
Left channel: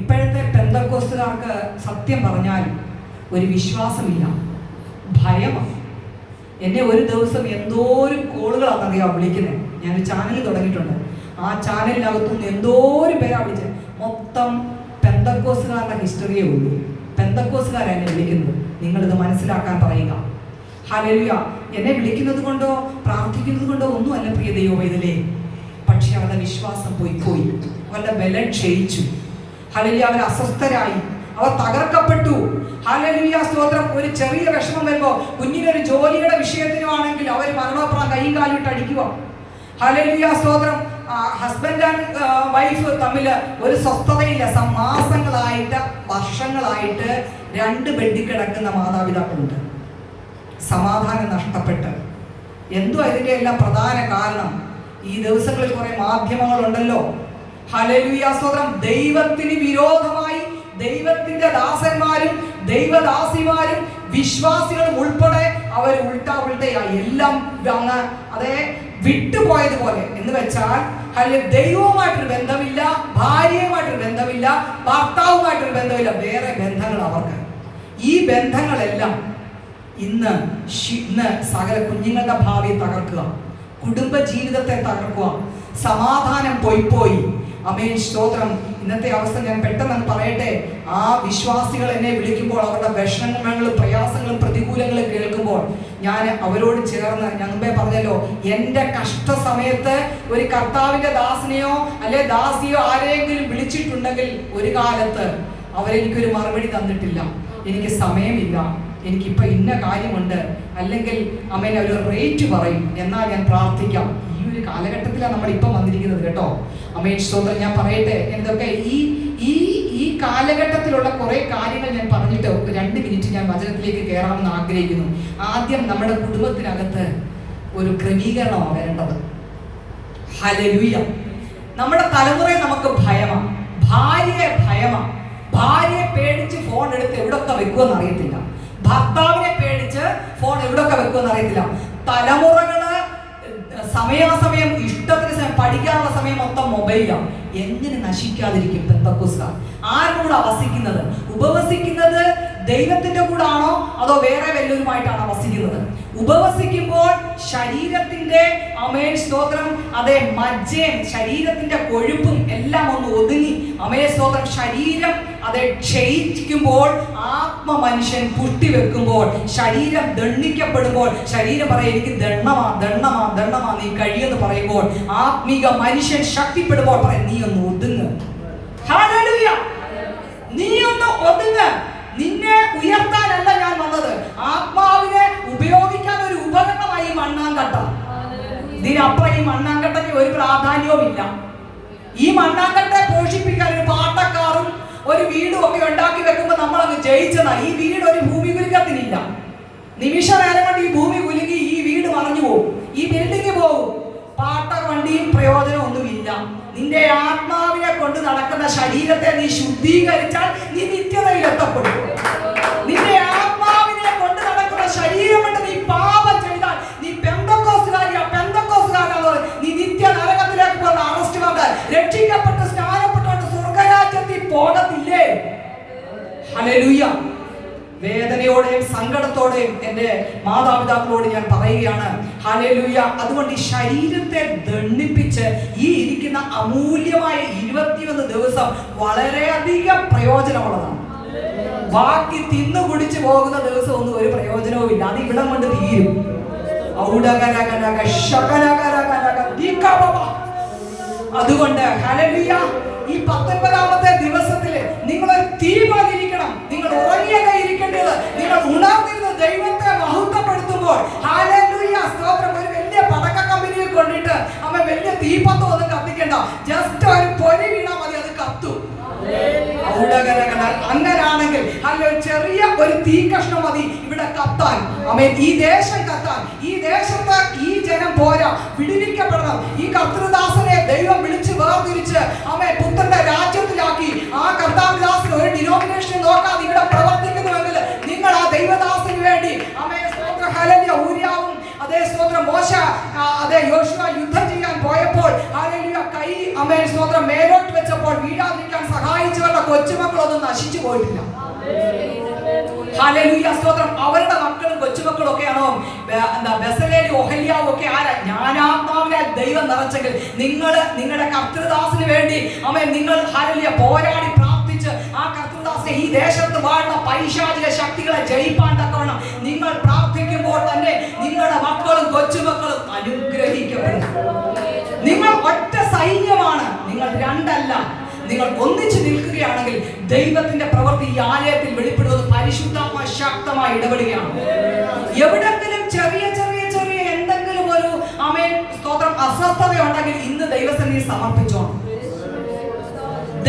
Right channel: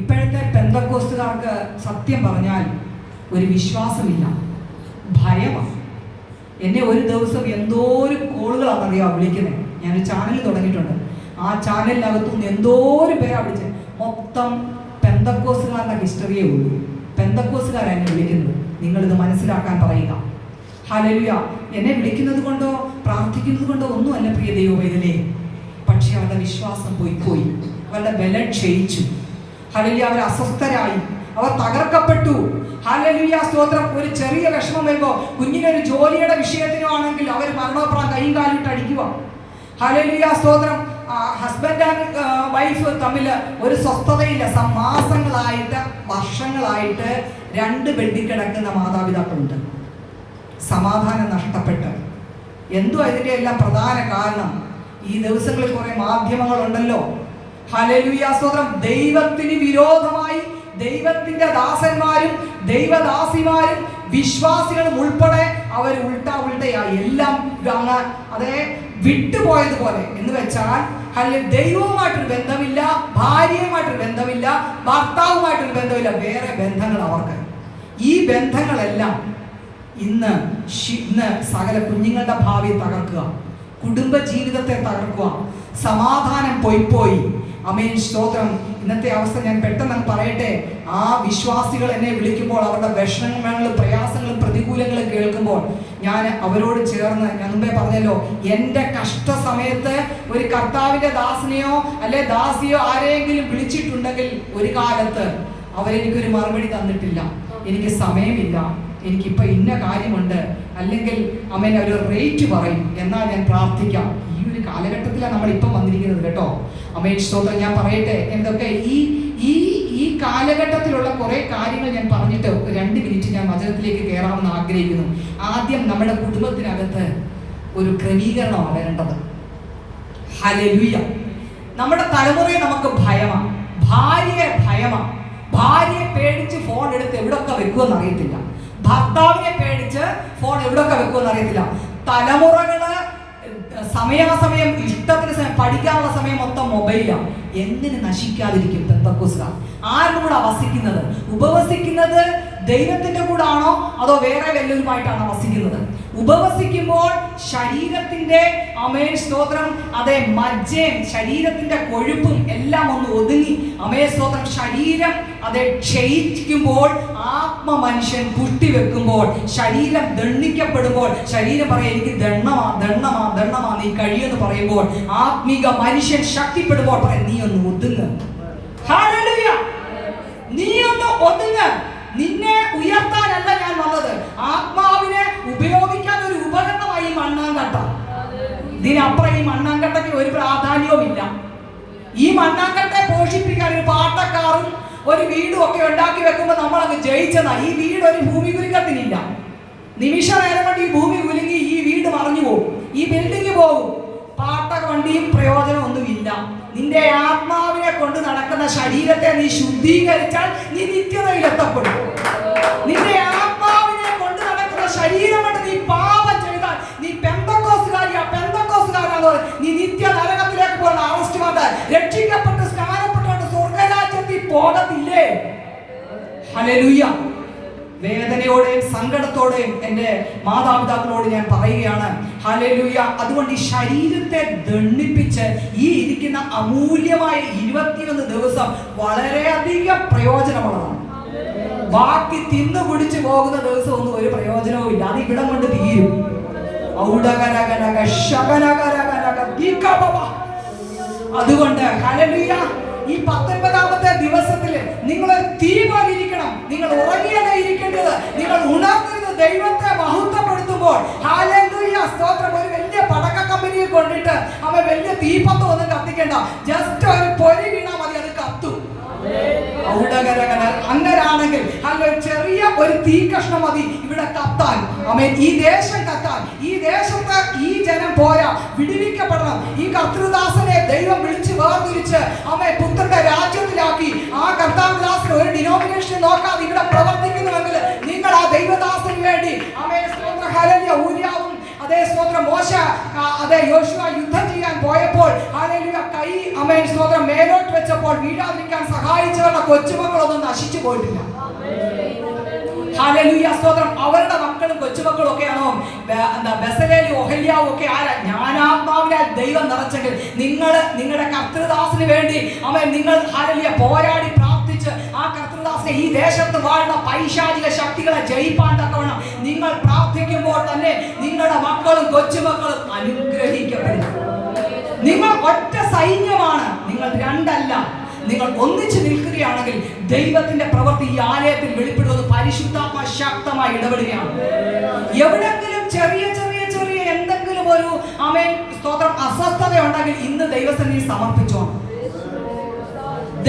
ഇപ്പോഴത്തെ പെന്തക്കോസ്തുകാർക്ക് സത്യം പറഞ്ഞാൽ ഒരു വിശ്വാസമില്ല, ഭയമാണ്. എന്നെ ഒരു ദിവസം എന്തോരം കോളുകളാണെന്നറിയാം വിളിക്കുന്നത്. ഞാൻ ചാനൽ തുടങ്ങിയിട്ടുണ്ട്. ആ ചാനലിനകത്തുനിന്ന് എന്തോരം പേരാ വിളിച്ചത്. മൊത്തം പെന്തക്കോസ്തുകാരുടെ ഹിസ്റ്ററിയേ ഉള്ളൂ. പെന്തക്കോസ്തുകാരാണ് എന്നെ വിളിക്കുന്നത്. നിങ്ങളിത് മനസ്സിലാക്കാൻ പറയുക. ഹല്ലേലൂയ. എന്നെ വിളിക്കുന്നത് കൊണ്ടോ പ്രാർത്ഥിക്കുന്നത് കൊണ്ടോ ഒന്നുമല്ല പ്രിയ ദൈവമേ. പക്ഷെ അവരുടെ വിശ്വാസം പോയി, അവരുടെ ബലം ക്ഷയിച്ചു. ഹല്ലേലൂയ. അവർ അസ്വസ്ഥരായി, അവർ തകർക്കപ്പെട്ടു. ഹല്ലേലൂയ, സ്തോത്രം. ഒരു ചെറിയ വിഷമം വരുമ്പോ, കുഞ്ഞിനൊരു ജോലിയുടെ വിഷയത്തിനാണെങ്കിൽ അവർ മരണപ്രായം കൈയും കാലിട്ട് അടിക്കുക. ഹല്ലേലൂയ, സ്തോത്രം. ഹസ്ബൻഡ് ആൻഡ് വൈഫ് തമ്മിൽ ഒരു സ്വസ്ഥതയില്ല. മാസങ്ങളായിട്ട് വർഷങ്ങളായിട്ട് രണ്ട് ബെഡിൽ കിടക്കുന്ന മാതാപിതാക്കളുണ്ട്. സമാധാനം നഷ്ടപ്പെട്ട്. എന്തുവാ ഇതിന്റെ എല്ലാം പ്രധാന കാരണം? ഈ ദിവസങ്ങളിൽ കുറെ മാധ്യമങ്ങളുണ്ടല്ലോ. ഹല്ലേലൂയ, സ്തോത്രം. ദൈവത്തിന് വിരോധമായി ദൈവത്തിന്റെ ദാസന്മാരും ദൈവദാസിമാരും വിശ്വാസികളും ഉൾപ്പെടെ അവർ ഉൾട്ടയായി എല്ലാം അതേ വിട്ടുപോയതുപോലെ. എന്ന് വെച്ചാൽ ദൈവവുമായിട്ടൊരു ബന്ധമില്ല, ഭാര്യയുമായിട്ടൊരു ബന്ധമില്ല, ഭർത്താവുമായിട്ടൊരു ബന്ധമില്ല, വേറെ ബന്ധങ്ങൾ അവർക്ക്. ഈ ബന്ധങ്ങളെല്ലാം ഇന്ന് സകല കുഞ്ഞുങ്ങളുടെ ഭാവിയെ തകർക്കുക, കുടുംബ ജീവിതത്തെ തകർക്കുക, സമാധാനം പോയി. ആമേൻ, സ്തോത്രം. ഇന്നത്തെ അവസ്ഥ ഞാൻ പെട്ടെന്ന് പറയട്ടെ. ആ വിശ്വാസികൾ എന്നെ വിളിക്കുമ്പോൾ, അവരുടെ വിഷമങ്ങളും പ്രയാസങ്ങളും പ്രതികൂലങ്ങളും കേൾക്കുമ്പോൾ ഞാൻ അവരോട് ചേർന്ന്, ഞാൻ മുമ്പേ പറഞ്ഞല്ലോ, എൻ്റെ കഷ്ട സമയത്ത് ഒരു കർത്താവിന്റെ ദാസനെയോ അല്ലെ ദാസിയോ ആരെങ്കിലും വിളിച്ചിട്ടുണ്ടെങ്കിൽ ഒരു കാലത്ത് അവരെനിക്കൊരു മറുപടി തന്നിട്ടില്ല. എനിക്ക് സമയമില്ല, എനിക്കിപ്പോൾ ഇന്ന കാര്യമുണ്ട്, അല്ലെങ്കിൽ അമ്മേനെ ഒരു റേറ്റ് പറയും, എന്നാൽ ഞാൻ പ്രാർത്ഥിക്കാം. ഈ ഒരു കാലഘട്ടത്തിലാണ് നമ്മൾ ഇപ്പം വന്നിരിക്കുന്നത് കേട്ടോ. അമ്മേൻ, സ്തോത്രം. ഞാൻ പറയട്ടെ, എന്തൊക്കെ ഈ കാലഘട്ടത്തിലുള്ള കുറെ കാര്യങ്ങൾ ഞാൻ പറഞ്ഞിട്ട് 2 മിനിറ്റ് ഞാൻ വചനത്തിലേക്ക് കയറാമെന്ന് ആഗ്രഹിക്കുന്നു. ആദ്യം നമ്മുടെ കുടുംബത്തിനകത്ത് ഒരു ക്രമീകരണമാണ് വരേണ്ടത്. ഹല്ലേലൂയ. നമ്മുടെ തലമുറയിൽ നമുക്ക് ഭയമാണ്, ഭാര്യയെ ഭയമാണ്. ഭാര്യയെ പേടിച്ച് ഫോൺ എടുത്ത് എവിടൊക്കെ വെക്കുമെന്ന് അറിയത്തില്ല. ഭർത്താവിനെ പേടിച്ച് ഫോൺ എവിടൊക്കെ വെക്കുമെന്ന് അറിയത്തില്ല. തലമുറകള് സമയാസമയം ഇഷ്ടത്തിന് സമയം, പഠിക്കാനുള്ള സമയം മൊത്തം മൊബൈലാണ്. എന്തിന് നശിക്കാതിരിക്കും പെന്തക്കോസ്തുകാർ? ആരുടെ കൂടെ വസിക്കുന്നത്? ഉപവസിക്കുന്നത് ദൈവത്തിന്റെ കൂടെ ആണോ അതോ വേറെ വല്ലവരുമായിട്ടാണോ വസിക്കുന്നത്? ഉപവസിക്കുമ്പോൾ ശരീരത്തിന്റെ സ്തോത്രം, അതെ, മജ്ജയും ശരീരത്തിന്റെ കൊഴുപ്പും എല്ലാം ഒന്ന് ഒതുങ്ങി സ്തോത്രം ശരീരം അതെ ക്ഷയിക്കുമ്പോൾ, ആത്മ മനുഷ്യൻ പുഷ്ടിവെക്കുമ്പോൾ, ശരീരം ദണ്ഡിക്കപ്പെടുമ്പോൾ, ശരീരം പറയും എനിക്ക് ദണ്ണമാ നീ കഴിയെന്ന് പറയുമ്പോൾ, ആത്മീക മനുഷ്യൻ ശക്തിപ്പെടുമ്പോൾ പറയും നീ ഒന്ന് ഒതുങ്ങ്. ഹല്ലേലൂയ, നീ ഒന്ന് ഒതുങ്ങ്. നിന്നെ ഉയർത്താനല്ല ഞാൻ വന്നത്, ആത്മാവിനെ ഉപയോഗിക്കാൻ ഒരു ഉപകരണമായി ഈ മണ്ണാങ്കട്ട. ഇതിനപ്പുറം ഈ മണ്ണാങ്കട്ടയ്ക്ക് ഒരു പ്രാധാന്യവുമില്ല. ഈ മണ്ണാങ്കട്ടെ പോഷിപ്പിക്കാൻ ഒരു പാട്ടക്കാരും ഒരു വീടും ഒക്കെ ഉണ്ടാക്കി വെക്കുമ്പോൾ നമ്മൾ അങ്ങ് ജയിച്ചതാ. ഈ വീട് ഒരു ഭൂമി കുലുക്കത്തിനില്ല. നിമിഷ നേരം കൊണ്ട് ഈ ഭൂമി കുലുങ്ങി ഈ വീട് മറിഞ്ഞു പോകും, ഈ ബിൽഡിംഗ് പോകും. പാട്ട കൊണ്ടിയും പ്രയോജനമൊന്നുമില്ല. നിന്റെ ആത്മാവിനെ കൊണ്ട് നടക്കുന്ന ശരീരത്തെ നീ ശുദ്ധീകരിച്ചാൽ നീ നിത്യതയിൽ എത്തപ്പെടും. നിന്റെ ആത്മാവിനെ കൊണ്ട് നടക്കുന്ന ശരീരം കൊണ്ട് നീ പാപം ചെയ്താൽ നീ പെന്തക്കോസ്തുകാരനോ നീ നിത്യ നരകത്തിലേക്ക് പോകുന്ന അറസ്റ്റ് വന്നാൽ രക്ഷിക്കപ്പെട്ട് സ്നാനപ്പെട്ടുകൊണ്ട് സ്വർഗരാജ്യത്തിൽ പോകത്തില്ലേ? ഹല്ലേലൂയ. വേദനയോടെയും സങ്കടത്തോടെയും എൻ്റെ മാതാപിതാക്കളോട് ഞാൻ പറയുകയാണ്. ഹല്ലേലൂയ. അതുകൊണ്ട് ഈ ശരീരത്തെ ദണ്ഡിപ്പിച്ച് ഈ ഇരിക്കുന്ന അമൂല്യമായ 21 ദിവസം വളരെയധികം പ്രയോജനമുള്ളതാണ്. ബാക്കി തിന്നു കുടിച്ചു പോകുന്ന ദിവസം ഒന്നും ഒരു പ്രയോജനവും ഇല്ല. അത് ഇവിടം കൊണ്ട് തീരും. അതുകൊണ്ട് ഹല്ലേലൂയ, ഈ 19ാമത്തെ ദിവസത്തിൽ നിങ്ങൾ തീ പോലിരിക്കണം. നിങ്ങൾ ഉറങ്ങിയൊക്കെ ഇരിക്കേണ്ടത്, നിങ്ങൾ ഉണർന്നിരുന്ന് ദൈവത്തെ മഹത്വപ്പെടുത്തുമ്പോൾ ഹല്ലേലൂയ സ്തോത്രം. ഒരു വലിയ പടക്ക കമ്പനിയിൽ കൊണ്ടിട്ട് അവൻ വലിയ തീപ്പത്തം ഒന്നും കത്തിക്കണ്ട, ജസ്റ്റ് ഒരു പൊരി വീണാൽ മതി, അത് കത്തും. അങ്ങനാണെങ്കിൽ അല്ല ചെറിയ ഒരു തീ കഷ്ണം മതി ഇവിടെ കത്താൻ. ഈ ദേശം കത്താൻ. ഈ ദേശത്ത് ഈ ജനം പോരാ, വിടുവിക്കപ്പെടണം. ഈ കർത്തൃദാസനെ ദൈവം വിളിച്ച് വേർതിരിച്ച് പുത്രന്റെ രാജ്യത്തിലാക്കി ആ കർത്താവിദാസന് ഒരു ഡിനോമിനേഷൻ നോക്കാതെ ഇവിടെ പ്രവർത്തിക്കുന്നുവെങ്കിൽ നിങ്ങൾ ആ ദൈവദാസന് വേണ്ടി ഊര്യാവും അതേ സ്തോത്രം മോശ അതേ യോശുവ യുദ്ധം ചെയ്യാൻ പോയപ്പോൾ കൈ സ്തോത്രം മേലോട്ട് വെച്ചപ്പോൾ വീഴാതിരിക്കാൻ സഹായിച്ചവരുടെ കൊച്ചുമക്കളൊന്നും നശിച്ചു പോയിട്ടില്ല. ഹല്ലേലൂയ സ്തോത്രം. അവരുടെ മക്കളും കൊച്ചുമക്കളും ഒക്കെയാണോ ബെസലേലും ഒഹല്യാവും ഒക്കെ ആരാ? ജ്ഞാനാത്മാവിനെ ദൈവം നിറച്ചെങ്കിൽ നിങ്ങളുടെ കർത്തൃദാസിന് വേണ്ടി നിങ്ങൾ ഹല്ലേലൂയ പോരാടി പ്രാർത്ഥിച്ച് ആ കർത്തൃദാസിനെ ഈ ദേശത്ത് വാഴുന്ന പൈശാചിക ശക്തികളെ ജയിപ്പാൻ തക്കവണ്ണം നിങ്ങൾ പ്രാർത്ഥിക്കുമ്പോൾ തന്നെ നിങ്ങളുടെ മക്കളും കൊച്ചുമക്കളും അനുഗ്രഹിക്കപ്പെടും. നിങ്ങൾ ഒറ്റ സൈന്യമാണ്, നിങ്ങൾ രണ്ടല്ല. നിങ്ങൾ ഒന്നിച്ചു നിൽക്കുകയാണെങ്കിൽ ദൈവത്തിന്റെ പ്രവൃത്തി ഈ ആലയത്തിൽ വെളിപ്പെടുന്നത് പരിശുദ്ധാത്മ ശക്തമായി ഇടപെടുകയാണ്. എവിടെങ്കിലും ചെറിയ ചെറിയ ചെറിയ എന്തെങ്കിലും ഒരു സ്തോത്രം അസ്വസ്ഥത ഉണ്ടെങ്കിൽ ഇന്ന് ദൈവസന്നിധിയിൽ സമർപ്പിച്ചോ.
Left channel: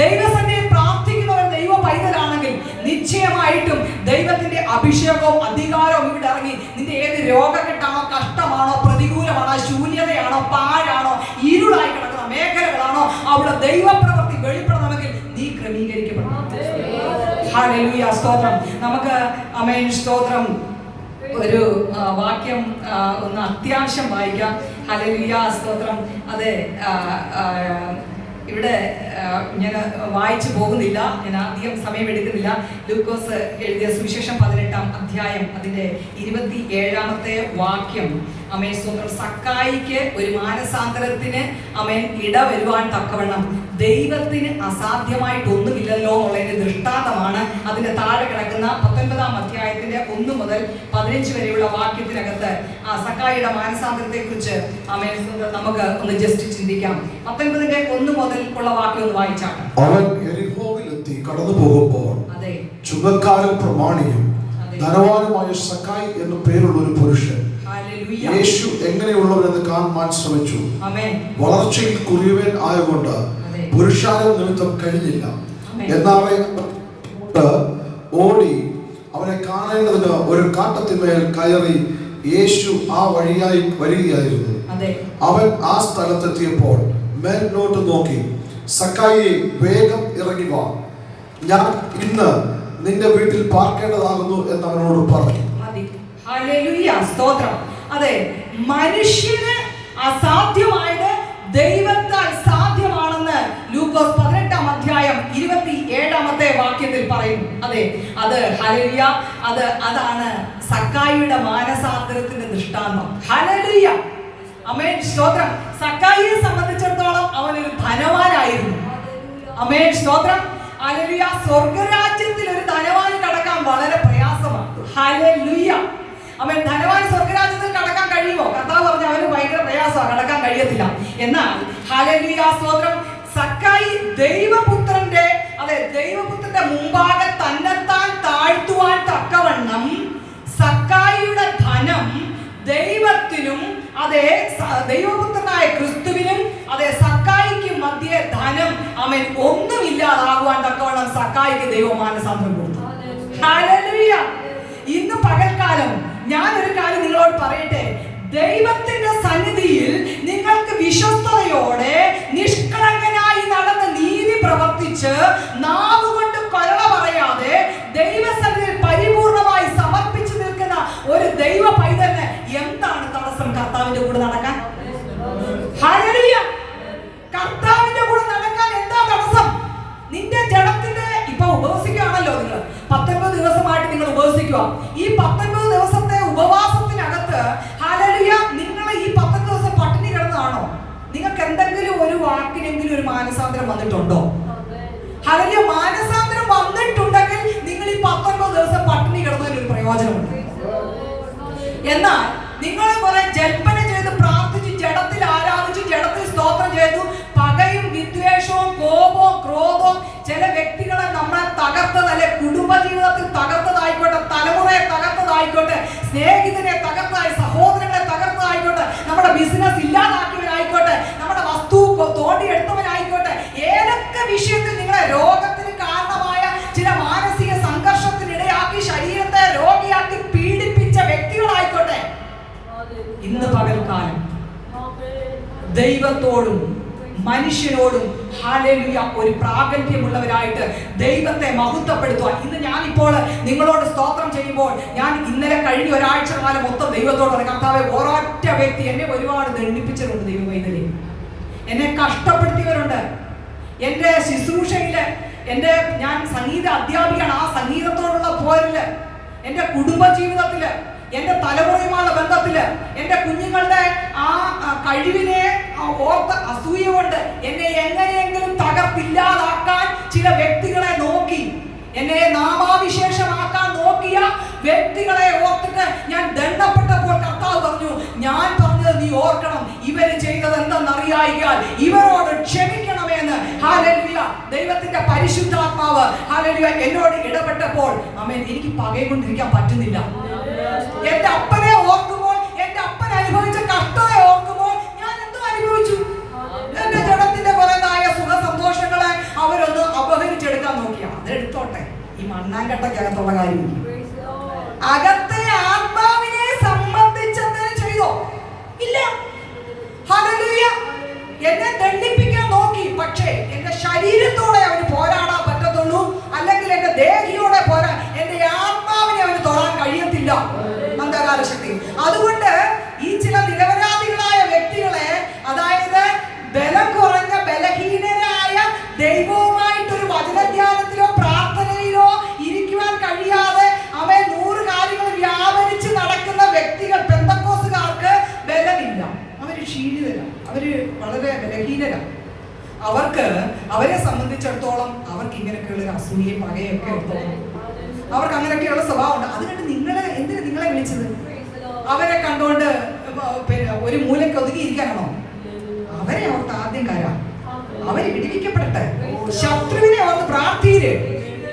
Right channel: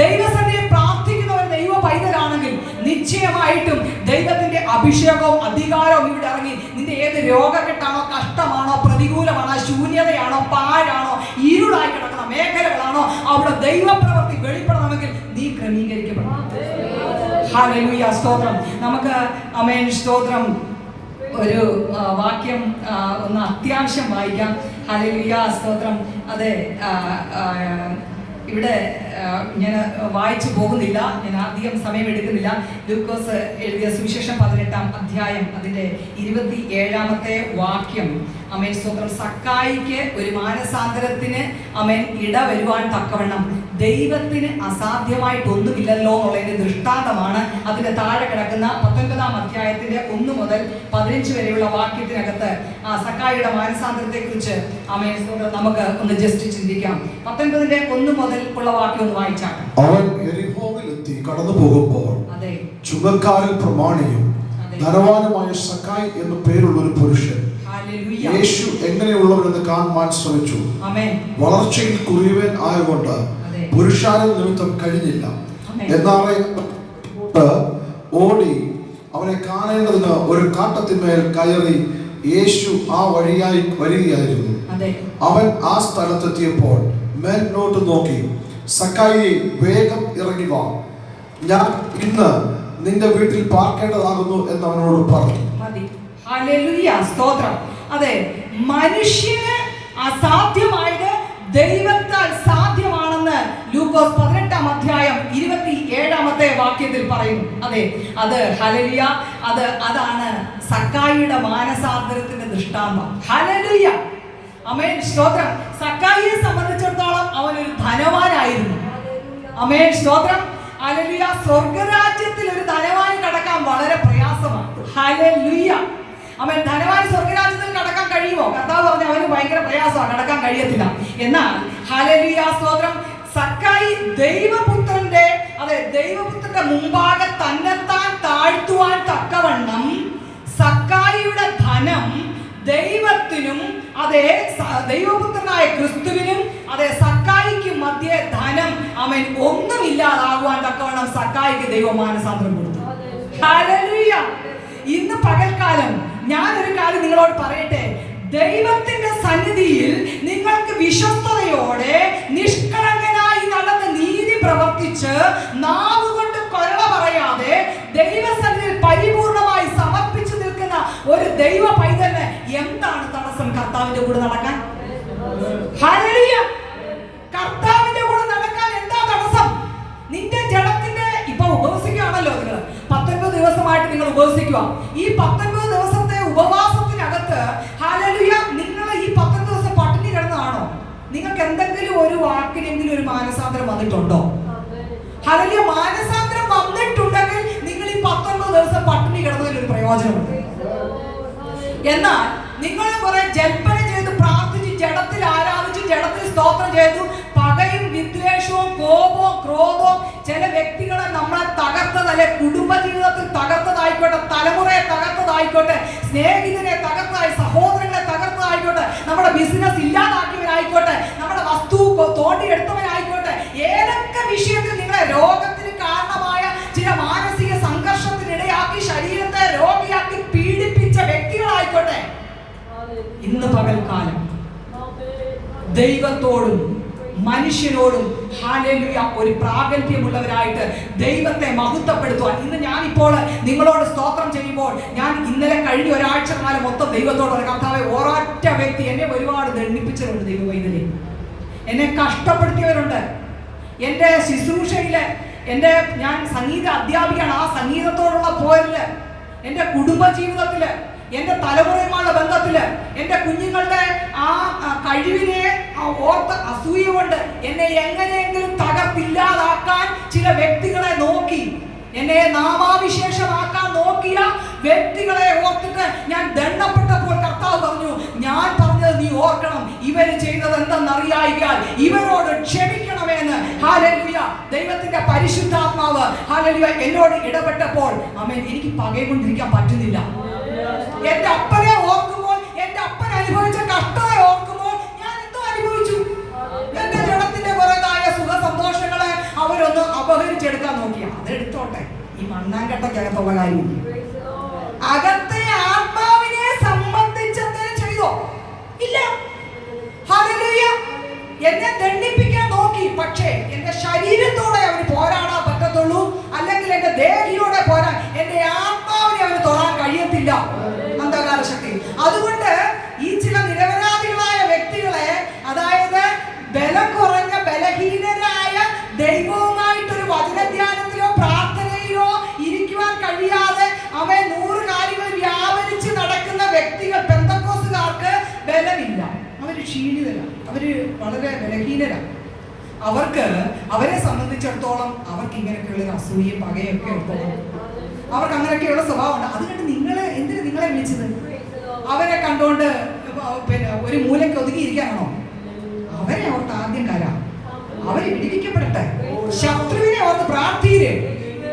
ദൈവസന്നിധിയിൽ പ്രാർത്ഥിക്കുന്നവൻ ദൈവ പൈതലാണെങ്കിൽ നിശ്ചയമായിട്ടും ദൈവത്തിന്റെ അഭിഷേകവും അധികാരവും ഇവിടെ ഇറങ്ങി നിന്റെ ഏത് രോഗക്കെട്ടാണോ, കഷ്ടമാണോ, പ്രതികൂലമാണോ, ശൂന്യതയാണോ, പാഴാണോ, ഇരുളായി കിടക്കുന്ന മേഖലകളാണോ, അവിടെ ദൈവപ്രവൃത്തി വെളിപ്പെടണമെങ്കിൽ നീ ക്രമീകരിക്കപ്പെടണം. ഹല്ലേലൂയ സ്തോത്രം. നമുക്ക് സ്തോത്രം ഒരു വാക്യം ഒന്ന് അത്യാവശ്യം വായിക്കാം. ഹല്ലേലൂയ സ്തോത്രം. അതെ, ഇവിടെ ഞാൻ വായിച്ചു പോകുന്നില്ല, ഞാൻ അധികം സമയം എടുക്കുന്നില്ല. ലൂക്കോസ് എഴുതിയ സുവിശേഷം 18-ാം അധ്യായം അതിന്റെ 27-ാമത്തെ വാക്യം. സ്തോത്രം. സക്കായിക്ക് ഒരു മാനസാന്തരത്തിന് ഇടവരുവാൻ തക്കവണ്ണം ദൈവത്തിന് അസാധ്യമായിട്ടൊന്നുമില്ലല്ലോ എന്നുള്ളതിന്റെ ദൃഷ്ടാന്തമാണ് അതിന്റെ താഴെ കിടക്കുന്ന 19-ാം അധ്യായത്തിന്റെ 1 മുതൽ 15 വരെയുള്ള വാക്യത്തിനകത്ത് ആ സക്കായിയുടെ മാനസാന്തരത്തെ കുറിച്ച് നമുക്ക് ഒന്ന് ജസ്റ്റ് ചിന്തിക്കാം. 19-ന്റെ 1 മുതൽ ഉള്ള വാക്യം ഒന്ന് വായിച്ചാണ്. അവൻ യെരിഹോവിലെത്തി കടന്നു പോകുമ്പോൾ ചുങ്കക്കാരും പ്രമാണിയും ധനവാനുമായ സക്കായി എന്ന പേരുള്ള ഒരു പുരുഷൻ യേശു എങ്ങനെയുള്ളവരെന്ന് കാണുവാൻ ശ്രമിച്ചു. വളർച്ചയിൽ കുറിയവൻ ആയതുകൊണ്ട് പുരുഷാരം നിമിത്തം കഴിഞ്ഞില്ല. എന്നാൽ ഓടി അവനെ കാണേണ്ടതിന് ഒരു കാട്ടത്തിന്മേൽ കയറി യേശു ആ വഴിയായി വരികയായിരുന്നു. അവൻ ആ സ്ഥലത്തെത്തിയപ്പോൾ മേൽനോട്ട് നോക്കി, സക്കായിയെ വേഗം ഇറങ്ങി വാ, ഞാൻ ഇന്ന് നിന്റെ വീട്ടിൽ പാർക്കേണ്ടതാകുന്നു എന്ന് അവനോട് പറഞ്ഞു. ഹല്ലേലൂയ സ്തോത്രം. അതെ, മനുഷ്യന് അസാധ്യമായത് ദൈവത്താൽ സാധ്യമാണെന്ന് ലൂക്കോസ് 18-ാം അധ്യായം 27-ാമത്തെ വാക്യത്തിൽ പറയുന്നു. അതെ, അത് ഹല്ലേലൂയ, അതാണ് സക്കായിയുടെ മാനസാന്തരത്തിന്റെ ദൃഷ്ടാന്തം. ഹല്ലേലൂയ, ആമേൻ, സ്തോത്രം. സക്കായിയെ സംബന്ധിച്ചിടത്തോളം അവനൊരു ധനവാനായിരുന്നു. ആമേൻ, സ്തോത്രം. ഹല്ലേലൂയ. സ്വർഗ്ഗരാജ്യത്തിൽ ഒരു ധനവാന് കടക്കാൻ വളരെ പ്രയാസമാണ്. ഹല്ലേലൂയ, ആമേൻ. ധനവാൻ സ്വർഗ്ഗരാജ്യത്തിൽ കടക്കാൻ കഴിയുമോ? കർത്താവ് പറഞ്ഞു അവന് ഭയങ്കര പ്രയാസമാണ്, കടക്കാൻ കഴിയത്തില്ല. എന്നാൽ ഹല്ലേലൂയ, സ്തോത്രം, സക്കായി ദൈവപുത്രന്റെ മുമ്പാകെ തന്നെത്താൻ താഴ്ത്തുവാൻ തക്കവണ്ണം സക്കായിയുടെ ധനം ദൈവത്തിനും ദൈവപുത്രനായ ക്രിസ്തുവിനും സക്കായിക്ക് മധ്യേ ധനം ഒന്നുമില്ലാതാകുവാൻ തക്കവണ്ണം സക്കായിക്ക് ദൈവമാനസാന്തരം കൊടുത്തു. ഹല്ലേലൂയ. ഇന്ന് പകൽക്കാലം ഞാനൊരു കാര്യം നിങ്ങളോട് പറയട്ടെ. ദൈവത്തിന്റെ സന്നിധിയിൽ നിങ്ങൾക്ക് വിശ്വസ്തയോടെ നിഷ്കളങ്കനായി നടന്ന് നീതി പ്രവർത്തിച്ച് നാവുകൊണ്ട് പരള പറയാതെ ദൈവസന്നിധിയിൽ പരിപൂർണമായി സമർപ്പിച്ചു നിൽക്കുന്ന ഒരു ദൈവ പൈതലിന് എന്താണ് തടസ്സം കർത്താവിന്റെ കൂടെ നടക്കാൻ? ഹല്ലേലൂയ. കർത്താവിന്റെ കൂടെ നടക്കാൻ എന്താ തടസ്സം? നിന്റെ ജഡത്തിന്റെ ഇപ്പൊ ഉപവസിക്കുകയാണല്ലോ നിങ്ങൾ. 19 ദിവസമായിട്ട് നിങ്ങൾ ഉപവസിക്കുക. ഈ 19 ദിവസത്തെ ഉപവാസത്തിനകത്ത് ഹല്ലേലൂയ, നിങ്ങൾ ഈ 19 ദിവസം പട്ടിണി കിടന്നതാണോ? നിങ്ങൾക്ക് എന്തെങ്കിലും ഒരു വാക്കിനെങ്കിലും ഒരു മാനസാന്തരം വന്നിട്ടുണ്ടോ? ഹല്ലേലൂയ. മാനസാന്തരം വന്നിട്ടുണ്ടെങ്കിൽ നിങ്ങൾ ഈ 19 ദിവസം പട്ടിണി കിടന്നതിലൊരു പ്രയോജനമുണ്ട്. എന്നാൽ നിങ്ങൾ കുറെ ജൽപ്പന ചെയ്ത് പ്രാർത്ഥിച്ച് ജഡത്തിൽ ആരാധിച്ച് ജഡത്തിൽ സ്തോത്രം ചെയ്തു പകയും വിദ്വേഷവും കോപവും ക്രോധവും ചില വ്യക്തികളെ നമ്മളെ തകർത്തതല്ലെ, കുടുംബജീവിതത്തിൽ തകർത്തതായിക്കോട്ടെ, തലമുറയെ തകർത്തതായിക്കോട്ടെ, സ്നേഹിതരെ തകർത്തതായി, സഹോദരങ്ങളെ തകർത്തതായിക്കോട്ടെ, നമ്മുടെ ബിസിനസ് ഇല്ലാതാക്കിയവരായിക്കോട്ടെ, നമ്മുടെ വസ്തു തോണ്ടിയെടുത്തവരായിക്കോട്ടെ, ഏതൊക്കെ വിഷയത്തിൽ നിങ്ങളെ രോഗത്തിന് കാരണമായ ചില മാനസിക സംഘർഷത്തിനിടയാക്കി ശരീരത്തെ രോഗിയാക്കി പീഡിപ്പിച്ച വ്യക്തികളായിക്കോട്ടെ, ഇന്ന് പകൽക്കാലം ദൈവത്തോടും മനുഷ്യനോടും ഹല്ലേലൂയ ഒരു പ്രാഗൽഭ്യമുള്ളവരായിട്ട് ദൈവത്തെ മഹത്വപ്പെടുത്തുവാൻ ഇന്ന് ഞാനിപ്പോൾ നിങ്ങളോട് സ്തോത്രം ചെയ്യുമ്പോൾ ഞാൻ ഇന്നലെ കഴിഞ്ഞ ഒരാഴ്ച കാലം മൊത്തം ദൈവത്തോട് കർത്താവേ, ഒരൊറ്റ വ്യക്തി എന്നെ ഒരുപാട് ദണ്ഡിപ്പിച്ചവരുണ്ട്. ദൈവമൈതലേ, എന്നെ കഷ്ടപ്പെടുത്തിയവരുണ്ട്. എൻ്റെ ശുശ്രൂഷയില് ഞാൻ സംഗീത അധ്യാപികയാണ്. ആ സംഗീതത്തോടുള്ള പോരില്, എൻ്റെ കുടുംബജീവിതത്തില്, എന്റെ തലമുറയുമായുള്ള ബന്ധത്തില്, എന്റെ കുഞ്ഞുങ്ങളുടെ ആ കഴിവിനെ ഓർത്ത അസൂയ കൊണ്ട് എന്നെ എങ്ങനെയെങ്കിലും തകർത്തില്ലാതാക്കാൻ ചില വ്യക്തികളെ നോക്കി, എന്നെ നാമാവിശേഷമാക്കാൻ നോക്കിയ വ്യക്തികളെ ഓർത്തിട്ട് ഞാൻ ദണ്ഡപ്പെട്ടപ്പോൾ കർത്താവ് പറഞ്ഞു, ഞാൻ പറഞ്ഞത് നീ ഓർക്കണം, ഇവര് ചെയ്തത് എന്തെന്നറിയായിക്കാൻ ഇവരോട് ക്ഷമിക്കണമെന്ന്. ഹല്ലേലൂയ. ദൈവത്തിന്റെ പരിശുദ്ധാത്മാവ് ഹല്ലേലൂയ എന്നോട് ഇടപെട്ടപ്പോൾ ആമേൻ, എനിക്ക് പകയുകൊണ്ടിരിക്കാൻ പറ്റുന്നില്ല. എന്റെ അപ്പനെ ഓർക്കുമ്പോൾ, എന്റെ അപ്പൻ അനുഭവിച്ച കഷ്ടത്തെ ഓർക്കുമ്പോൾ ഞാൻ എന്തോ അനുഭവിച്ചു. എന്റെ ജഡത്തിന്റെ കുറേതായ സുഖ സന്തോഷങ്ങളെ അവരൊന്ന് അപഹരിച്ചെടുക്കാൻ നോക്കിയ അതെടുത്തോട്ടെ, ഈ മണ്ണാങ്കട്ടക്കകത്തുള്ള കാര്യം. അകത്തെ ആത്മാവിനെ സംബന്ധിച്ചെന്തിനു ചെയ്തോ? ഇല്ല. ഹല്ലേലൂയ. എന്നെ ദണ്ഡിപ്പിക്കാൻ നോക്കി, പക്ഷേ എന്റെ ശരീരത്തോടെ അവന് പോരാടാൻ പറ്റത്തുള്ളൂ, അല്ലെങ്കിൽ എന്റെ ദേഹിയോടെ പോരാൻ, എന്റെ ആത്മാവിനെ അവന് തൊടാൻ കഴിയത്തില്ല. ശക്തി. അതുകൊണ്ട് ഈ ചില നിരപരാധികളായ വ്യക്തികളെ, അതായത് ബലം കുറഞ്ഞ ബലഹീനരായ ദൈവവുമായിട്ടൊരു വചനധ്യാനത്തിലോ പ്രാർത്ഥനയിലോ ഇരിക്കുവാൻ കഴിയാതെ അവയെ 100 കാര്യങ്ങൾ വ്യാപരിച്ച് നടക്കുന്ന വ്യക്തികൾ, പെന്തക്കോസ്തുകാർക്ക് ബലമില്ല. അവര് ക്ഷീണിതരാണ്, അവര് വളരെ ബലഹീനരാണ്. അവരെ സംബന്ധിച്ചിടത്തോളം അവർക്ക് ഇങ്ങനെയൊക്കെയുള്ള അസൂയയും പകയൊക്കെ എടുത്തോളും. അവർക്ക് അങ്ങനെയൊക്കെയുള്ള സ്വഭാവമുണ്ട്. അതുകൊണ്ട് എന്തിനാ നിങ്ങളെ വിളിച്ചത്? അവരെ കണ്ടുകൊണ്ട് ഒരു മൂലയ്ക്ക് ഒതുങ്ങിയിരിക്കാനാണോ? അവരെ ഓർത്ത് ആദ്യം കരാം, അവര് വിടിവിക്കപ്പെടട്ടെ. ശത്രുവിനെ ഓർത്ത് പ്രാർത്ഥീര്.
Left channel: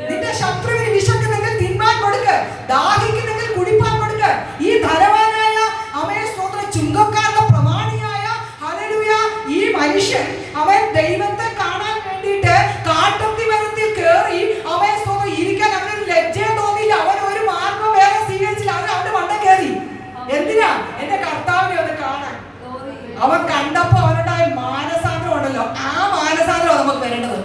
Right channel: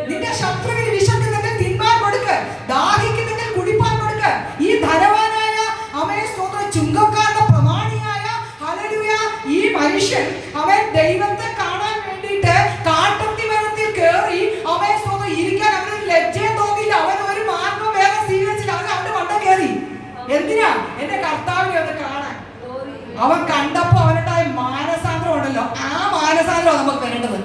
നിന്റെ ശത്രുവിന് വിശക്കുന്നെങ്കിൽ തിന്മാൻ കൊടുക്ക്, ദാഹിക്കുന്നെങ്കിൽ കുടിപ്പാൻ കൊടുക്ക്. ഈ ധനവാനായ അവനെ സ്വന്തം ചുങ്കക്കാരുടെ പ്രമാണിയായ ഹല്ലേലൂയ ഈ മനുഷ്യൻ അവൻ ദൈവത്തെ കാണാൻ വേണ്ടിയിട്ട് കാട്ടുത്തി മരത്തിൽ കയറി അവൻ സ്വന്തം ഇരിക്കാൻ അവന് ലജ്ജയും തോന്നിയില്ല. അവൻ ഒരു മാർഗം വേറെ സ്വീകരിച്ചില്ല. അവന്റെ മണ്ട കയറി. എന്തിനാ? എന്റെ കർത്താവിനെ ഒന്ന് കാണാൻ. അവൻ കണ്ടപ്പോ അവനുണ്ടായ മാനസാന്തരം ഉണ്ടല്ലോ, ആ മാനസാന്തരം നമുക്ക് വരേണ്ടത്.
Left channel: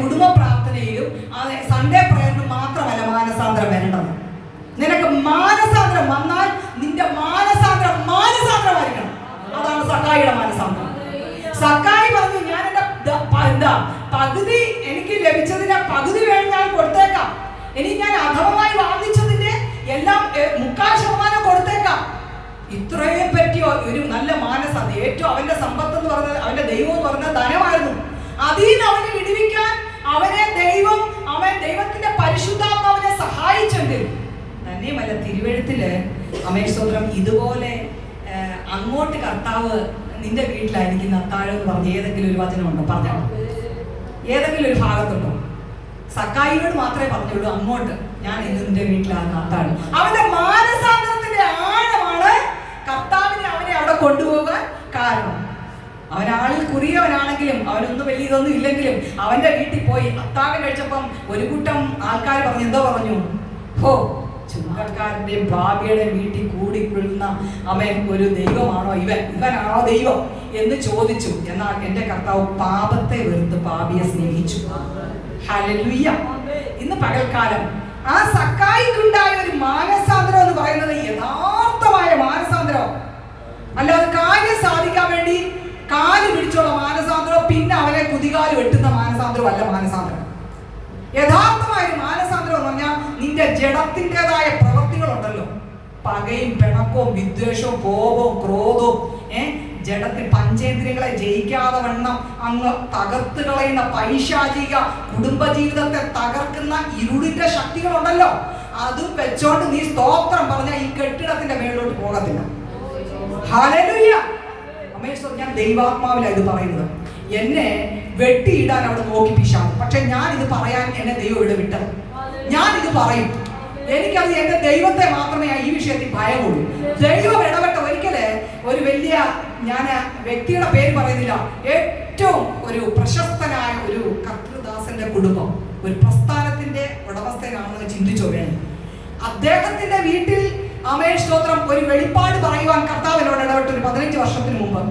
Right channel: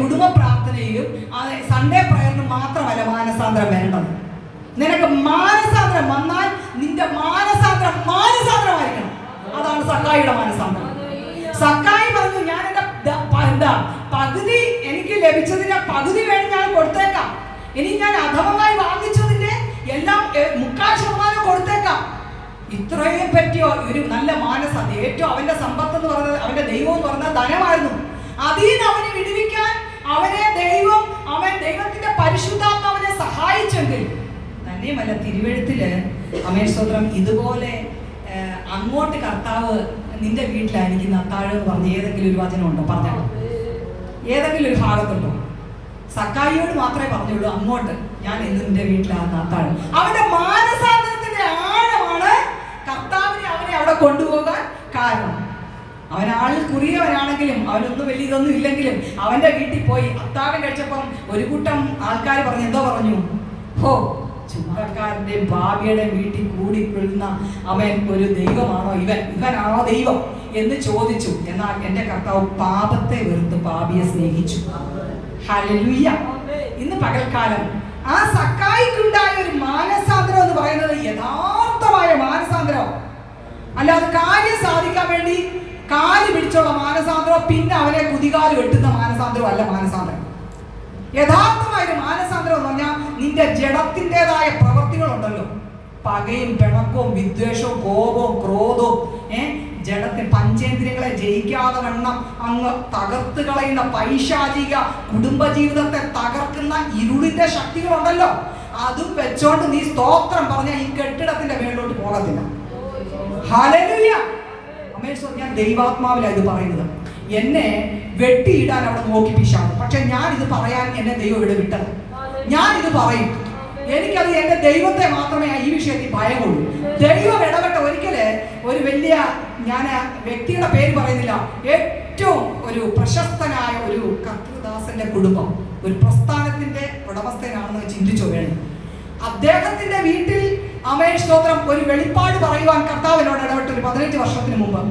കുടുംബ പ്രാർത്ഥനയിലും സൺഡേ പ്രയറിനും മാത്രമല്ല മാനസാന്തരം വേണ്ടത്. നിനക്ക് മാനസാന്തരം വന്നാൽ നിന്റെ മാനസാന്തരമായിരിക്കണം. അതാണ് സക്കായിയുടെ മാനസാന്തരം. സക്കായി പറഞ്ഞു, ഞാൻ എന്റെ പകുതി എനിക്ക് ലഭിച്ചതിന്റെ പകുതി വേണ്ടി ഞാൻ കൊടുത്തേക്കാം, ഇനി ഞാൻ അധമമായി വാങ്ങിച്ചതിന്റെ എല്ലാം 3/4% കൊടുത്തേക്കാം. ഇത്രയും പറ്റിയോ ഒരു നല്ല മാനസാന്തരം. ഏറ്റവും അവന്റെ സമ്പത്ത് എന്ന് പറഞ്ഞത്, അവന്റെ ദൈവം എന്ന് പറഞ്ഞത് ധനമായിരുന്നു. അതിൽ അവനെ വിടുവിക്കാൻ ദൈവത്തിന്റെ പരിശുദ്ധാത്മാവിനെ സഹായിച്ചെങ്കിൽ തന്നെയുമല്ല, തിരുവെഴുത്തില് അമേശ്വരം ഇതുപോലെ അങ്ങോട്ട് കർത്താവ് നിന്റെ വീട്ടിലായിരിക്കുന്ന അത്താഴം എന്ന് പറഞ്ഞ ഏതെങ്കിലും ഒരു വചനം ഉണ്ടോ? പറഞ്ഞോ, ഏതെങ്കിലും ഒരു ഭാഗത്തുണ്ടോ? സക്കായിയോട് മാത്രമേ പറഞ്ഞുള്ളൂ അങ്ങോട്ട് ഞാൻ ഇന്ന് നിന്റെ വീട്ടിലാണ് അത്താഴം. അവന്റെ മാനസാന്തരത്തിന്റെ ആഴമാണ് കർത്താവിനെ അവനെ അവിടെ കൊണ്ടുപോകാൻ കാരണം. അവനാളിൽ കുറിയവനാണെങ്കിലും അവനൊന്നും വലിയ ഇതൊന്നും ഇല്ലെങ്കിലും അവന്റെ വീട്ടിൽ പോയി അത്താഴം കഴിച്ചപ്പം ഒരു കൂട്ടം ആൾക്കാർ പറഞ്ഞു, എന്തോ പറഞ്ഞു, ഹോ ചുങ്കക്കാരന്റെ ഭാവിയുടെ വീട്ടിൽ കൂടിക്കൊള്ളുന്ന അവൻ ഒരു ദൈവമാണോ, ഇവനാണോ ദൈവം എന്ന് ചോദിച്ചു. എന്നാൽ എന്റെ കർത്താവ് പാപത്തെ വെറുത്ത് പാപിയെ സ്നേഹിച്ചു. ഹല്ലേലൂയ. ഇന്ന് പകൽക്കാലം ആ സക്കായിക്കുണ്ടായ ഒരു മാനസാന്തരം എന്ന് പറയുന്നത് യഥാർത്ഥമായ മാനസാന്തരം, അല്ലാതെ കാര്യം സാധിക്കാൻ വേണ്ടി കാല് പിടിച്ചുള്ള മാനസാന്തരം, പിന്നെ അവനെ കുതികാല് വെട്ടുന്ന മാനസാന്തരം അല്ല മാനസാന്തരം. യഥാർത്ഥമായ ഒരു മാനസാന്തരം എന്ന് പറഞ്ഞാൽ നിന്റെ ജഡത്തിൻ്റെതായ പ്രവൃത്തികളുണ്ടല്ലോ, പകയും പിണക്കവും വിദ്വേഷവും കോപവും ക്രോധവും ജഡത്തിൽ പഞ്ചേന്ദ്രിയങ്ങളെ ജയിക്കാതെ വണ്ണം അങ്ങ് തകർത്ത് കളയുന്ന പൈശാചിക കുടുംബജീവിതത്തെ തകർക്കുന്ന ഇരുളിന്റെ ശക്തികളുണ്ടല്ലോ, അത് വെച്ചോണ്ട് നീ സ്തോത്രം പറഞ്ഞ ഈ കെട്ടിടത്തിന്റെ മേളിലോട്ട് പോകത്തില്ല. ഹല്ലേലൂയ. അമേശ്വർ, ഞാൻ ദൈവാത്മാവിലാണ് ഇത് പറയുന്നത്. എന്നെ വെട്ടിയിടാൻ അവിടെ നോക്കി പിശാച്, പക്ഷെ ഞാൻ ഇത് പറയാൻ എന്നെ ദൈവം ഇവിടെ വിട്ടത്. ഞാൻ ഇത് പറയും. എനിക്കത് എന്റെ ദൈവത്തെ മാത്രമേ ഈ വിഷയത്തിൽ ഭയമുള്ളൂ. ദൈവം ഇടപെട്ട ഒരിക്കല് ഒരു വലിയ, ഞാൻ വ്യക്തിയുടെ പേര് പറയുന്നില്ല, ഏറ്റവും ഒരു പ്രശസ്തനായ ഒരു കർത്തൃദാസന്റെ കുടുംബം ഒരു പ്രസ്ഥാനത്തിന്റെ ഉടമസ്ഥനാണെന്ന് ചിന്തിച്ചോ വേണം. അദ്ദേഹത്തിന്റെ വീട്ടിൽ സ്തോത്രം ഒരു വെളിപ്പാട് പറയുവാൻ കർത്താവിനോട് ഇടപെട്ട് ഒരു 15 വർഷത്തിന് മുമ്പ്.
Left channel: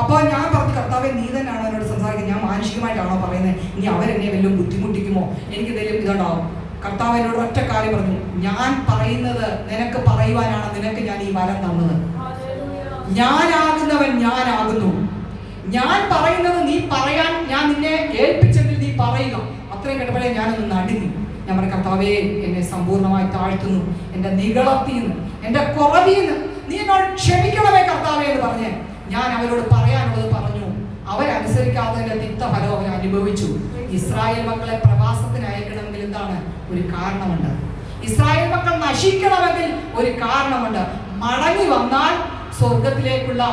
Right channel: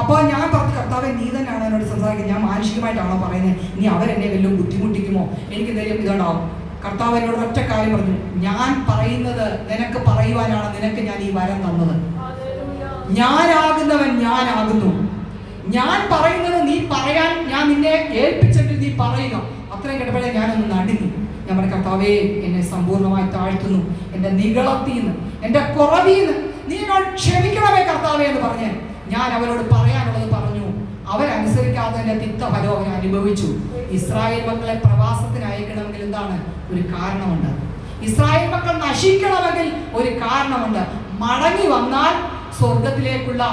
അപ്പോൾ ഞാൻ പറഞ്ഞു, കർത്താവെ നീ തന്നെയാണോ എന്നോട് സംസാരിക്കുന്നത്, ഞാൻ മാനുഷികമായിട്ടാണോ പറയുന്നത്, ഇനി അവരെന്നെ വല്ലതും ബുദ്ധിമുട്ടിക്കുമോ, എനിക്ക് എന്തെങ്കിലും ഇതുണ്ടാവും. കർത്താവ് എന്നോട് ഒറ്റ കാര്യം പറഞ്ഞു, ഞാൻ പറയുന്നത് നിനക്ക് പറയുവാനാണ് നിനക്ക് ഞാൻ ഈ വരം തന്നത്. ഞാനാകുന്നവൻ ഞാനാകുന്നു. ഞാൻ പറയുന്നത് നീ പറയാൻ ഞാൻ നിന്നെ ഏൽപ്പിച്ചെങ്കിൽ നീ പറയുക. അത്രയും കേട്ടപ്പോഴേ ഞാനൊന്ന് നടുങ്ങി. ഞാൻ പറഞ്ഞു, കർത്താവേ എന്നെ സമ്പൂർണ്ണമായി താഴ്ത്തുന്നു, എന്റെ നികളത്തിൽ നിന്ന്, എന്റെ കുറവിൽ നിന്ന് നീ എന്നോട് ക്ഷമിക്കണമേ കർത്താവേ എന്ന് പറഞ്ഞ് ഞാൻ അവരോട് പറയാനുള്ളത് പറഞ്ഞു. അവരനുസരിക്കാതെ എന്റെ തിക്തഫലം അവർ അനുഭവിച്ചു. ഇസ്രായേൽ മക്കളെ പ്രവാസത്തിന് അയക്കണമെങ്കിൽ എന്താണ്? ഒരു കാരണമുണ്ട്. ഇസ്രായേൽ മക്കൾ നശിക്കണമെങ്കിൽ ഒരു കാരണമുണ്ട്. മടങ്ങി വന്നാൽ സ്വർഗത്തിലേക്കുള്ള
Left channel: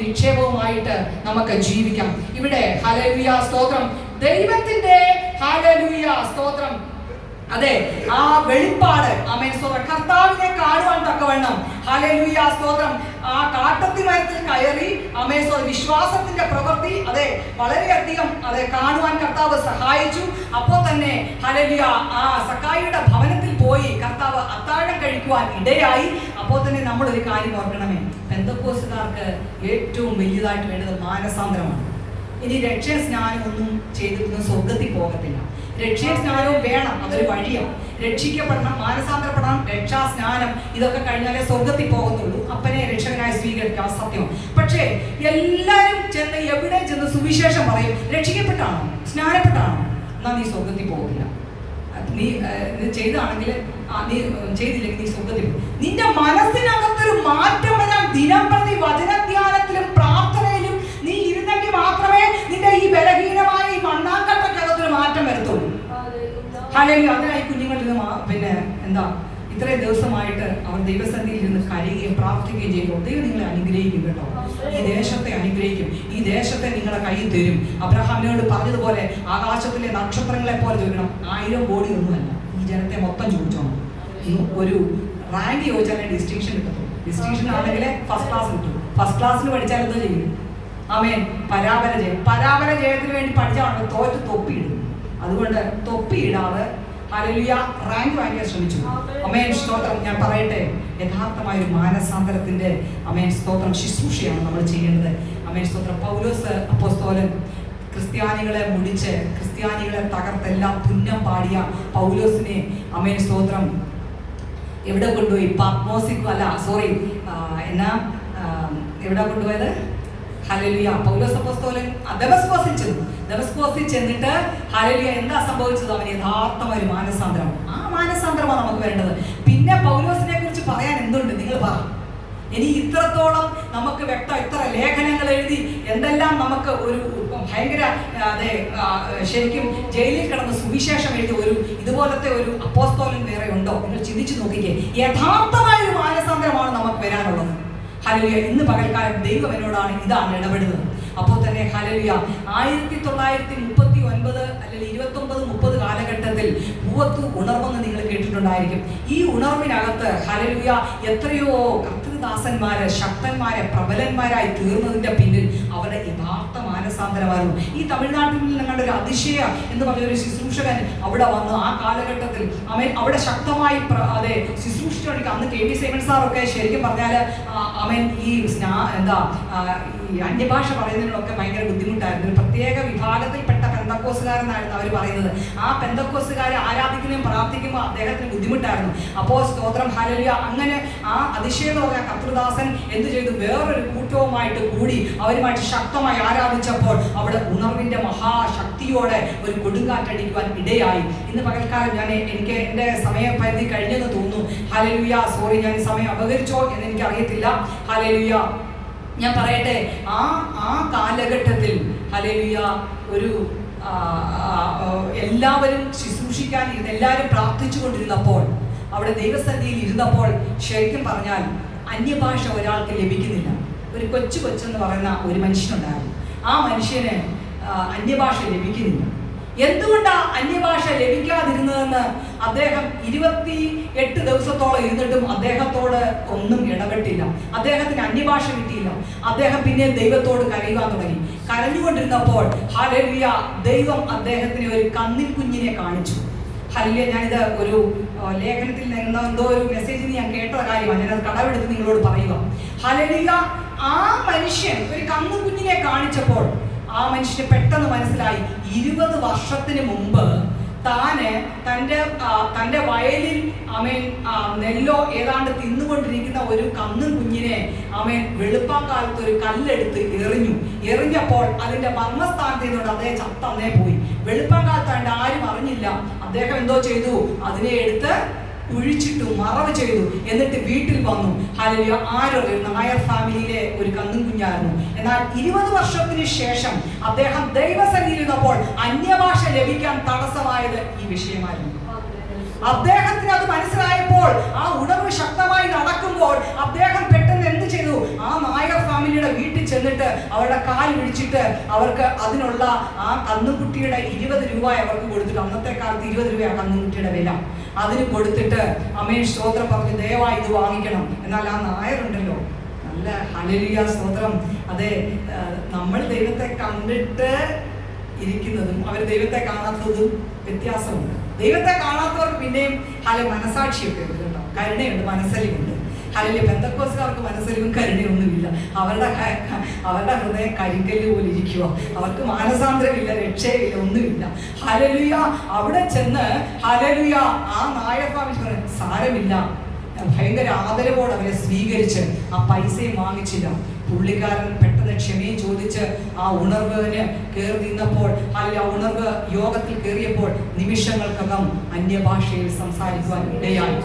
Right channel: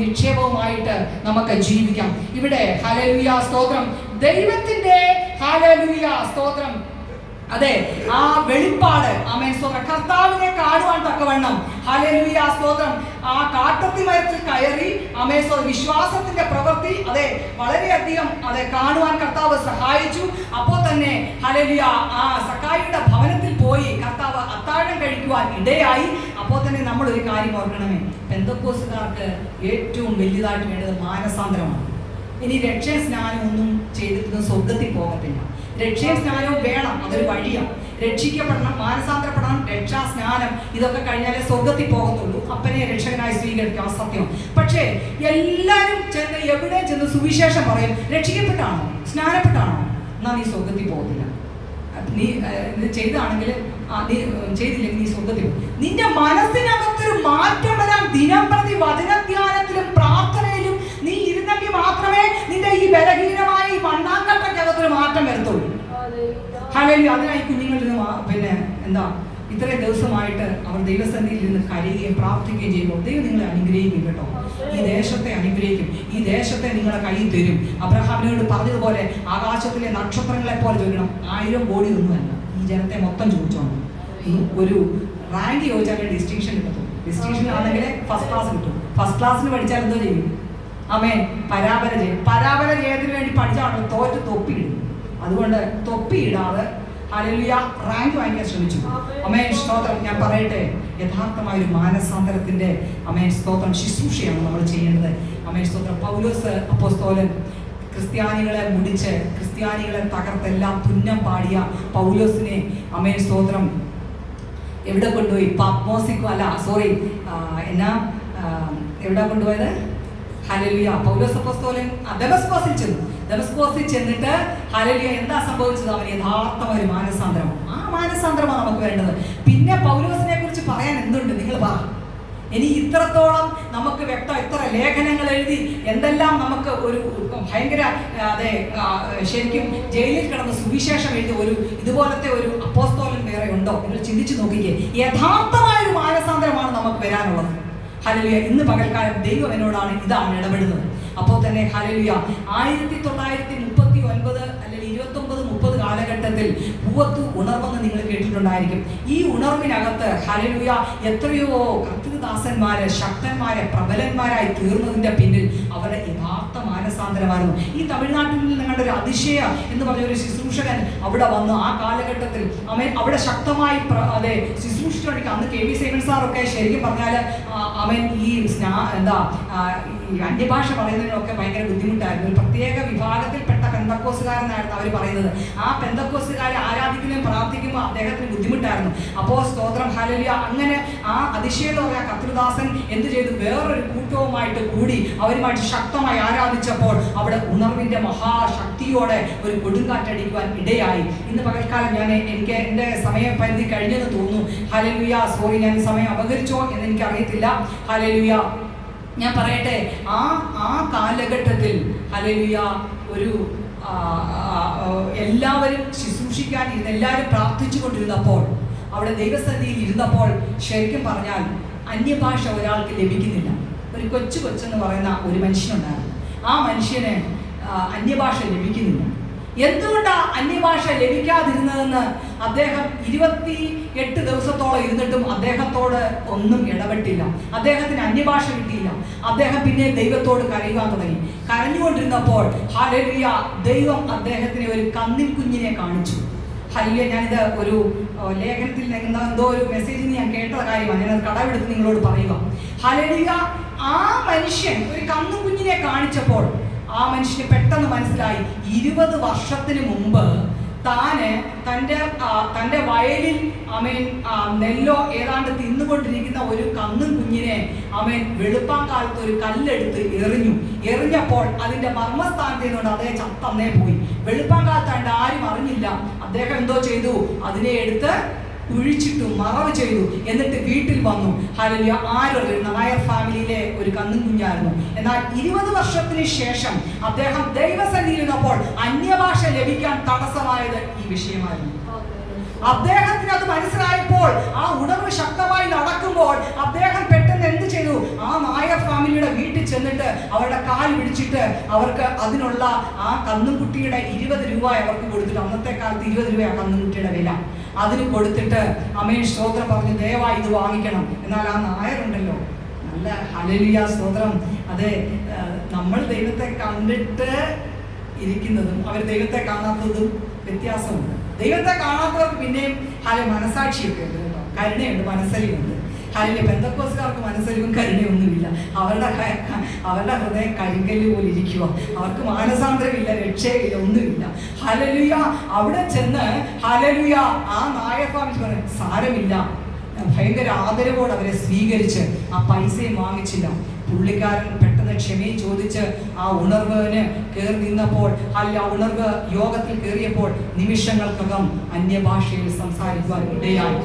നിക്ഷേപവുമായിട്ട് നമുക്ക് ജീവിക്കാം. ഇവിടെ ഹല്ലേലൂയ സ്തോത്രം, ദൈവത്തിന്റെ ഹല്ലേലൂയ സ്തോത്രം. അതെ, ആ വെളിപ്പാട് കർത്താവിനെ കാണുവാൻ തക്കവണ്ണം ഹല്ലേലൂയ സ്തോത്രം ആ കാട്ടത്തി മരത്തിൽ കയറി വിശ്വാസത്തിന്റെ പ്രവൃത്തി വളരെയധികം കാണുവാൻ കർത്താവ് സഹായിച്ചു. അപ്പോൾ തന്നെ ഹല്ലേലൂയ ആ സക്കായിയുടെ ഭവനത്തിൽ പോയി കർത്താവ് അത്താഴം കഴിക്കുവാൻ ഇടയായി. അപ്പോൾ തന്നെ നമ്മൾ ഒരു കാര്യം ഓർക്കണമേ, പെന്തക്കോസ്തുകാർക്ക് ഏറ്റവും വലിയതായിട്ട് വേണ്ടത് മാനസാന്തരമാണ്. ഇനി രക്ഷാ സ്നാനം ഒന്നും ചെയ്തിട്ടൊന്നും സ്വർഗത്തിൽ പോകത്തില്ല. രക്ഷാ സ്നാനം വേണം, അതൊരു വഴിയാണ്. രക്ഷിക്കപ്പെടണം, മാനസാന്തരപ്പെടണം, രക്ഷാ സ്നാനം ഇതൊക്കെ കഴിഞ്ഞാലേ സ്വർഗത്തിൽ പോകത്തുള്ളൂ. അപ്പനെ രക്ഷകനായി സ്വീകരിക്കാം, സത്യം. പക്ഷേ എല്ലാവരും ചെന്ന് എവിടെ ചെന്ന് സുവിശേഷം പറയും, രക്ഷിക്കപ്പെട്ടാണോ സ്നാനപ്പെട്ടാണോ, എന്നാ നീ സ്വർഗത്തിൽ പോകത്തില്ല. നീ ചെയ്താണെങ്കിൽ നീ ചെയ്തില്ലെങ്കിൽ നീ സ്വർഗത്തിൽ പോകും. നിന്റെ മനസ്സിനകത്തൊരു മാറ്റം വരാൻ ദിനം പ്രതി വചനധ്യാനത്തിലും പ്രാർത്ഥനയിലും നീ ഇരുന്നെങ്കിൽ മാത്രമേ നിന്റെ ഈ ബലഹീനമായ ഈ മണ്ണാങ്കട്ടക്കകത്തൊരു മാറ്റം വരത്തുള്ളൂ. ഹല്ലേലൂയ. അതിനായി കുഞ്ഞുങ്ങളിൽ നിന്ന് ഇത്രയും ദിവസമായിട്ട് അവർ ദൈവസന്നിധിയിൽ നിന്ന് കരയുകയും പ്രാർത്ഥിക്കുകയും ചെയ്യുമ്പോൾ ദൈവം നിങ്ങളെ അനുഗ്രഹിക്കും കേട്ടോ. ഈ ദേശത്തെ അനുഗ്രഹിക്കും, ഈ ദേശത്തെ നിങ്ങളുടെ കയ്യിൽ തരും. അബ്രഹാമിനോട് പറഞ്ഞതുപോലെ ആകാശത്തിലെ നക്ഷത്രങ്ങളെ പോലെ ചോദിക്കണം. 1000 കോടി ഒന്നുമല്ല, ഈ ജനത്തെ മൊത്തം ചോദിച്ചോണം. ഒരു റാങ്ക് ചോദിച്ചാലേ ഡിസ്റ്റിങ്ഷൻ കിട്ടത്തുള്ളൂ. ഡിസ്റ്റിങ്ഷൻ ആണെങ്കിൽ ഫസ്റ്റ് ക്ലാസ് കിട്ടും. ഫസ്റ്റ് ക്ലാസ്സിന് പഠിച്ചാൽ എന്തോ ചെയ്യും? പരാപര ജയത്തിന് വേണ്ടി പഠിച്ചാൽ തോറ്റ് തൊപ്പിയിടും. അതുകൊണ്ട് തൊപ്പിയിടാതെ ഹല്ലേലൂയ റാങ്ക് വാങ്ങിക്കാൻ ശ്രമിച്ചു. സ്തോത്രം. ഞാൻ പറയട്ടെ, യഥാർത്ഥമായ ഒരു മാനസാന്തരത്തിന്റെ സ്തോത്രം ശുശ്രൂഷയാണ് നമ്മൾ ചെയ്യേണ്ടത്. സ്തോത്രം. പൗലോസ് അപ്പോസ്തലൻ ക്രിസ്ത്യാനികളെ മുടിച്ച് ക്രിസ്ത്യാനികളെ തകർത്തെല്ലാം പുന്നം പാടിയ പൗലോസിനെ ആമേൻ സ്തോത്രം എവിടെ കൊണ്ടുപോയി? പത്മോസിക്കോ അല്ല സോറി എവിടെ കൊണ്ടുപോയത്? ഹല്ലേലൂയ. പൗലോസ് അപ്പോസ്തലൻ ദമസ്കോസിൽ ചെന്നിട്ട് ഹല്ലേലൂയ എന്താ സംഭവിച്ചത്? അവന് യഥാർത്ഥമായ ഒരു മാനസാന്തരമാണ്. ആ മാനസാന്തരമാണ് നമുക്ക് വേണ്ടത്. പിന്നെ പൗലോസിനെ കുറിച്ച് പറയാൻ എന്തുണ്ട്? നിങ്ങൾ പറ. ഇനി ഇത്രത്തോളം നമുക്ക് ഇത്ര ലേഖനങ്ങൾ എഴുതി എന്തെല്ലാം നമുക്ക് ഒരു ഭയങ്കര ശരിക്കും ജയിലിൽ കിടന്ന് സുവിശേഷം എഴുതി ഒരു ഇതുപോലത്തെ ഒരു അപ്പോസ്തലൻ വേറെ ഉണ്ടോ? നിങ്ങൾ ചിന്തിച്ചു നോക്കിക്കേ. യഥാർത്ഥമായ ഒരു മാനസാന്തരമാണ് നമുക്ക് വരാനുള്ളത്. ഹല്ലേലൂയ. ഇന്ന് പകൽക്കാലം ദൈവം എന്നോടാണ് ഇതാണ് ഇടപെടുന്നത്. അപ്പോൾ തന്നെ ഹല്ലേലൂയ 1939 അല്ലെങ്കിൽ 29-30 കാലഘട്ടത്തിൽ പൂവത്ത് ഉണർവെന്ന് നിങ്ങൾ കേട്ടിട്ടുണ്ടായിരിക്കും. ഈ ഉണർവിനകത്ത് ഹല്ലേലൂയ എത്രയോ കർത്തൃദാസന്മാര് ശക്തന്മാരെ പ്രബലന്മാരായി തീർന്നതിന്റെ പിന്നിൽ അവരുടെ യഥാർത്ഥ മാനസാന്തരമായിരുന്നു. ഈ തമിഴ്നാട്ടിൽ നിങ്ങളുടെ ഒരു അതിശയ എന്ന് പറഞ്ഞ ഒരു ശുശ്രൂഷകൻ അവിടെ വന്ന് ആ കാലഘട്ടത്തിൽ അവൻ അവിടെ ശക്തമായി ശുശ്രൂഷിച്ചു. അന്ന് കെ വി സൈമൺ സാറൊക്കെ ശരിക്കും പറഞ്ഞാൽ അവൻ ഈ അന്യഭാഷ പറയുന്നതിനൊക്കെ ഭയങ്കര ബുദ്ധിമുട്ടായിരുന്നു. ഒരു പ്രത്യേക വിഭാഗത്തിൽപ്പെട്ട പെന്തക്കോസുകാരെന്നായിരുന്നു അവർ പറയുന്നത്. ആ പെന്തക്കോസുകാരെ ആരാധിക്കുന്നതും പ്രാർത്ഥിക്കുമ്പോൾ അദ്ദേഹത്തിന് ബുദ്ധിമുട്ടായിരുന്നു. അപ്പോൾ സ്തോത്രം ഹല്ലേലൂയ. അങ്ങനെ ആ അതിശയം എന്ന് പറഞ്ഞ കർത്തൃദാസൻ എന്ത് ചെയ്തു? വേറൊരു കൂട്ടവുമായിട്ട് കൂടി അവരുമായിട്ട് ശക്തമായി ആരാധിച്ചപ്പോൾ അവിടെ ഉണർവിന്റെ മഹാശക്തിയോടെ ഒരു കൊടുങ്കാറ്റടിക്കുവാൻ ഇടയായി. ഇന്ന് പകൽക്കാലം എനിക്ക് എൻ്റെ സമയപരിധി കഴിഞ്ഞെന്ന് തോന്നുന്നു. ഹല്ലേലൂയ. സോറി, ഞാൻ സമയം അപകരിച്ചോ എന്ന് എനിക്ക് അറിയത്തില്ല. ഹല്ലേലൂയ. ഞാൻ പറയട്ടെ, ആ കാലഘട്ടത്തിൽ ഹല്ലേലൂയ ഒരു എല്ലാവരും ശുശ്രൂഷിക്കാൻ എല്ലാവരും പ്രാർത്ഥിച്ചു കൊണ്ടിരുന്നപ്പോൾ അവിടെ ദൈവസന്നിധിയിൽ ഇരുന്നപ്പോൾ ശരിക്കും പറഞ്ഞാൽ അന്യഭാഷ ഒരാൾക്ക് ലഭിക്കുന്നില്ല. ഒരു കൊച്ചെന്ന് പറയുന്ന ഒരു മനുഷ്യനുണ്ടായിരുന്നു. ആ മനുഷ്യന് അന്യഭാഷ ലഭിക്കുന്നില്ല. എന്തുകൊണ്ടാണ് അന്യഭാഷ ലഭിക്കാതിരുന്നതെന്ന് അദ്ദേഹം 28 ദിവസത്തോളം ഇരുന്നിട്ടും അദ്ദേഹത്തോട് ഒന്നും ഇടപെട്ടില്ല. അദ്ദേഹത്തിന് അന്യഭാഷ കിട്ടിയില്ല. അദ്ദേഹം പിന്നെ ദൈവത്തോട് കരയുവാൻ തുടങ്ങി. കരഞ്ഞുകൊണ്ടിരുന്നപ്പോൾ ഹല്ലേലൂയ ദൈവം അദ്ദേഹത്തിന് ഒരു കന്നിൽ കുഞ്ഞിനെ കാണിച്ചു. ഹല്ലേലൂയ. ഞാനിത് ഒരു ലേഖനത്തിൽ എന്തോ ഒരു മെസ്സേജിൽ ഞാൻ കേട്ട കാര്യമാണ്. ഞാനത് കടമെടുത്ത് നിങ്ങളോട് പറയുക. ഹല്ലേലൂയ. ആ മനുഷ്യൻ ഒരു കന്നു കുഞ്ഞിനെ കാണിച്ചപ്പോൾ ആ മനുഷ്യന് പെട്ടെന്ന് മനസ്സിലായി 20 വർഷത്തിന് മുമ്പ് തൻ്റെ വയലിൽ നെല്ലോ ഏതാണ്ട് തിന്നുകൊണ്ടിരിക്കുന്ന ഒരു കന്നും കുഞ്ഞിനെ വെളുപ്പാൻ കാലത്ത് ഒരു കല്ലെടുത്ത് എറിഞ്ഞപ്പോൾ അതിന്റെ മർമ്മസ്ഥാനത്ത് നിന്നുകൊണ്ട് അദ്ദേഹം ചത്തന്നേ പോയി. വെളുപ്പാൻ കാലത്താണ്ട് ആരും അറിഞ്ഞില്ല. അദ്ദേഹം എന്തോ ചെയ്തു? അതിനെ എടുത്ത് കുഴിച്ചിട്ടു, മറവ് ചെയ്തു. എന്നിട്ട് വീട്ടിൽ വന്നു. ഹല്ലേലൂയ. ആരൊരു നായർ ഫാമിലിയിലെ ഒരു കന്നും കുഞ്ഞായിരുന്നു. എന്നാൽ 20 വർഷത്തിന് ശേഷം അദ്ദേഹം ദൈവസന്നിധിയിലിരുന്നപ്പോൾ അന്യഭാഷ ലഭിക്കാൻ തടസ്സമായത് ഈ വിഷയമായിരുന്നു. അദ്ദേഹത്തിന് അത് മനസ്സിലായപ്പോൾ ആ ഉണർവ് ശക്തമായി നടക്കുമ്പോൾ അദ്ദേഹം പെട്ടെന്ന് എന്ത് ചെയ്തു? ആ നായർ ഫാമിലിയുടെ വീട്ടിൽ ചെന്നിട്ട് അവരുടെ കാൽ പിടിച്ചിട്ട് അവർക്ക് അതിനുള്ള ആ കന്നുകുട്ടിയുടെ 20 രൂപ അവർക്ക് കൊടുത്തിട്ട്, അന്നത്തെ കാലത്ത് 20 രൂപയാണ് കന്നുകുട്ടിയുടെ വില, അതിന് കൊടുത്തിട്ട് സ്തോത്രം പറഞ്ഞു ദയവായി ഇത് വാങ്ങിക്കണം. എന്നാൽ ആ നായരുണ്ടല്ലോ നല്ല ഹല്ലേലൂയ സ്തോത്രം. അതെ, നമ്മൾ ദൈവത്തെ കണ്ടിട്ട് ഇരിക്കുന്നതും അവർ ദൈവത്തെ കാണാത്തതും വ്യത്യാസമുണ്ട്. ദൈവത്തെ കാണാത്തവർക്ക് പിന്നെയും മനസാക്ഷിയൊക്കെ ഉണ്ട് കേട്ടോ, കരുണയുണ്ട്, മനസ്സലിവുണ്ട്. ഹല്ലേലൂയ. പെന്തക്കോസ്തുകാർക്ക് മനസ്സലിവും കരുണയൊന്നുമില്ല. അവരുടെ ഹൃദയം കരിങ്കല്ല് പോലെ ഇരിക്കുക. അവർക്ക് മാനസാന്തരമില്ല, രക്ഷയില്ല, ഒന്നുമില്ല. ഹല്ലേലൂയ. അവിടെ ചെന്ന് ഹല്ലേലൂയ ആ നായർഫാമിൽ പറഞ്ഞു സാരമില്ല, ഭയങ്കര ആദരവോടെ അവരെ സ്വീകരിച്ച് ആ പൈസയും വാങ്ങിച്ചില്ല. പുള്ളിക്കാരൻ പെട്ടെന്ന് ക്ഷമയും ചോദിച്ച് ആ ഉണർവിന് കയറി നിന്നപ്പോൾ ആ ഉണർവ് യോഗത്തിൽ കയറിയപ്പോൾ നിമിഷങ്ങൾക്കകം അന്യഭാഷയിൽ സംസാരിക്കുവാൻ ഇടയായി.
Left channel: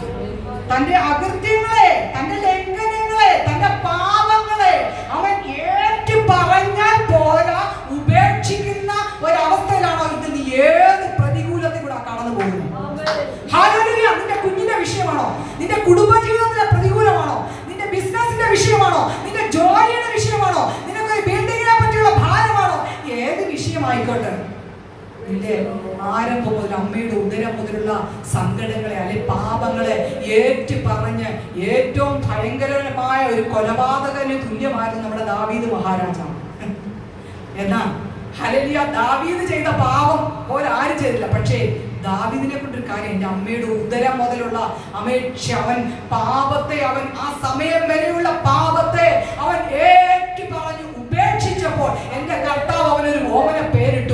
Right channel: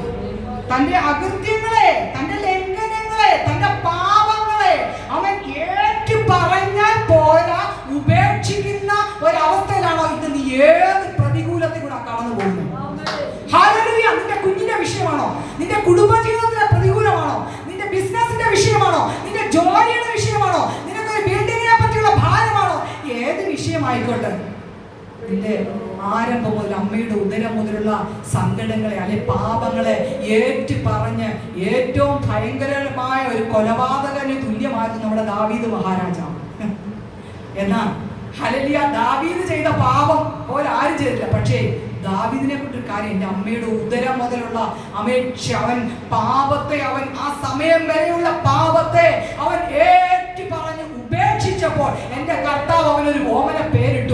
തന്റെ അകൃത്യങ്ങളെ, തന്റെ ലംഘനങ്ങളെ, തന്റെ പാപങ്ങളെ അവൻ ഏറ്റു പറഞ്ഞാൽ പോരാ, ഉപേക്ഷിക്കുന്ന ഒരവസ്ഥയിലാണോ ഇന്ന് നീ ഏത് പ്രതികൂലത്തിലൂടെ കടന്നു പോകുന്നത്? ഹല്ലേലൂയ. നിന്റെ കുഞ്ഞിന്റെ വിഷയമാണോ? നിന്റെ കുടുംബജീവിതത്തിലെ പ്രതികൂലമാണോ? നിന്റെ ബിസിനസിന്റെ വിഷയമാണോ? നിന്റെ ജോലിയുടെ വിഷയമാണോ? നിനക്ക് ബിൽഡിങ്ങിനെ പറ്റിയുള്ള ഭാരമാണോ? ഏത് വിഷയമായിക്കോട്ടെ, നിന്റെ ആരംഭം മുതൽ അമ്മയുടെ ഉദരം മുതലുള്ള സങ്കടങ്ങളെ അല്ലെ പാപങ്ങളെ ഏറ്റു പറഞ്ഞ് ഏറ്റവും ഭയങ്കരമായ ഒരു കൊലപാതകന് തുല്യമായിരുന്നു നമ്മുടെ ദാവീദ് മഹാരാജാവ്. എന്നാ ഹല്ലേലൂയ. ദാവീദ് ചെയ്ത പാപം പോലെ ആരും ചെയ്തില്ല. പക്ഷേ ദാവീദിനെ കൊണ്ടൊരു കാര്യം, എൻ്റെ അമ്മയുടെ ഉദരം മുതലുള്ള അവൻ പാപത്തെ, അവൻ ആ സമയം വരെയുള്ള പാപത്തെ അവൻ ഏറ്റു പറഞ്ഞ് ഉപേക്ഷിച്ചപ്പോൾ എൻ്റെ കർത്താവ് അവനൊരു ഓമന പേരിട്ടു.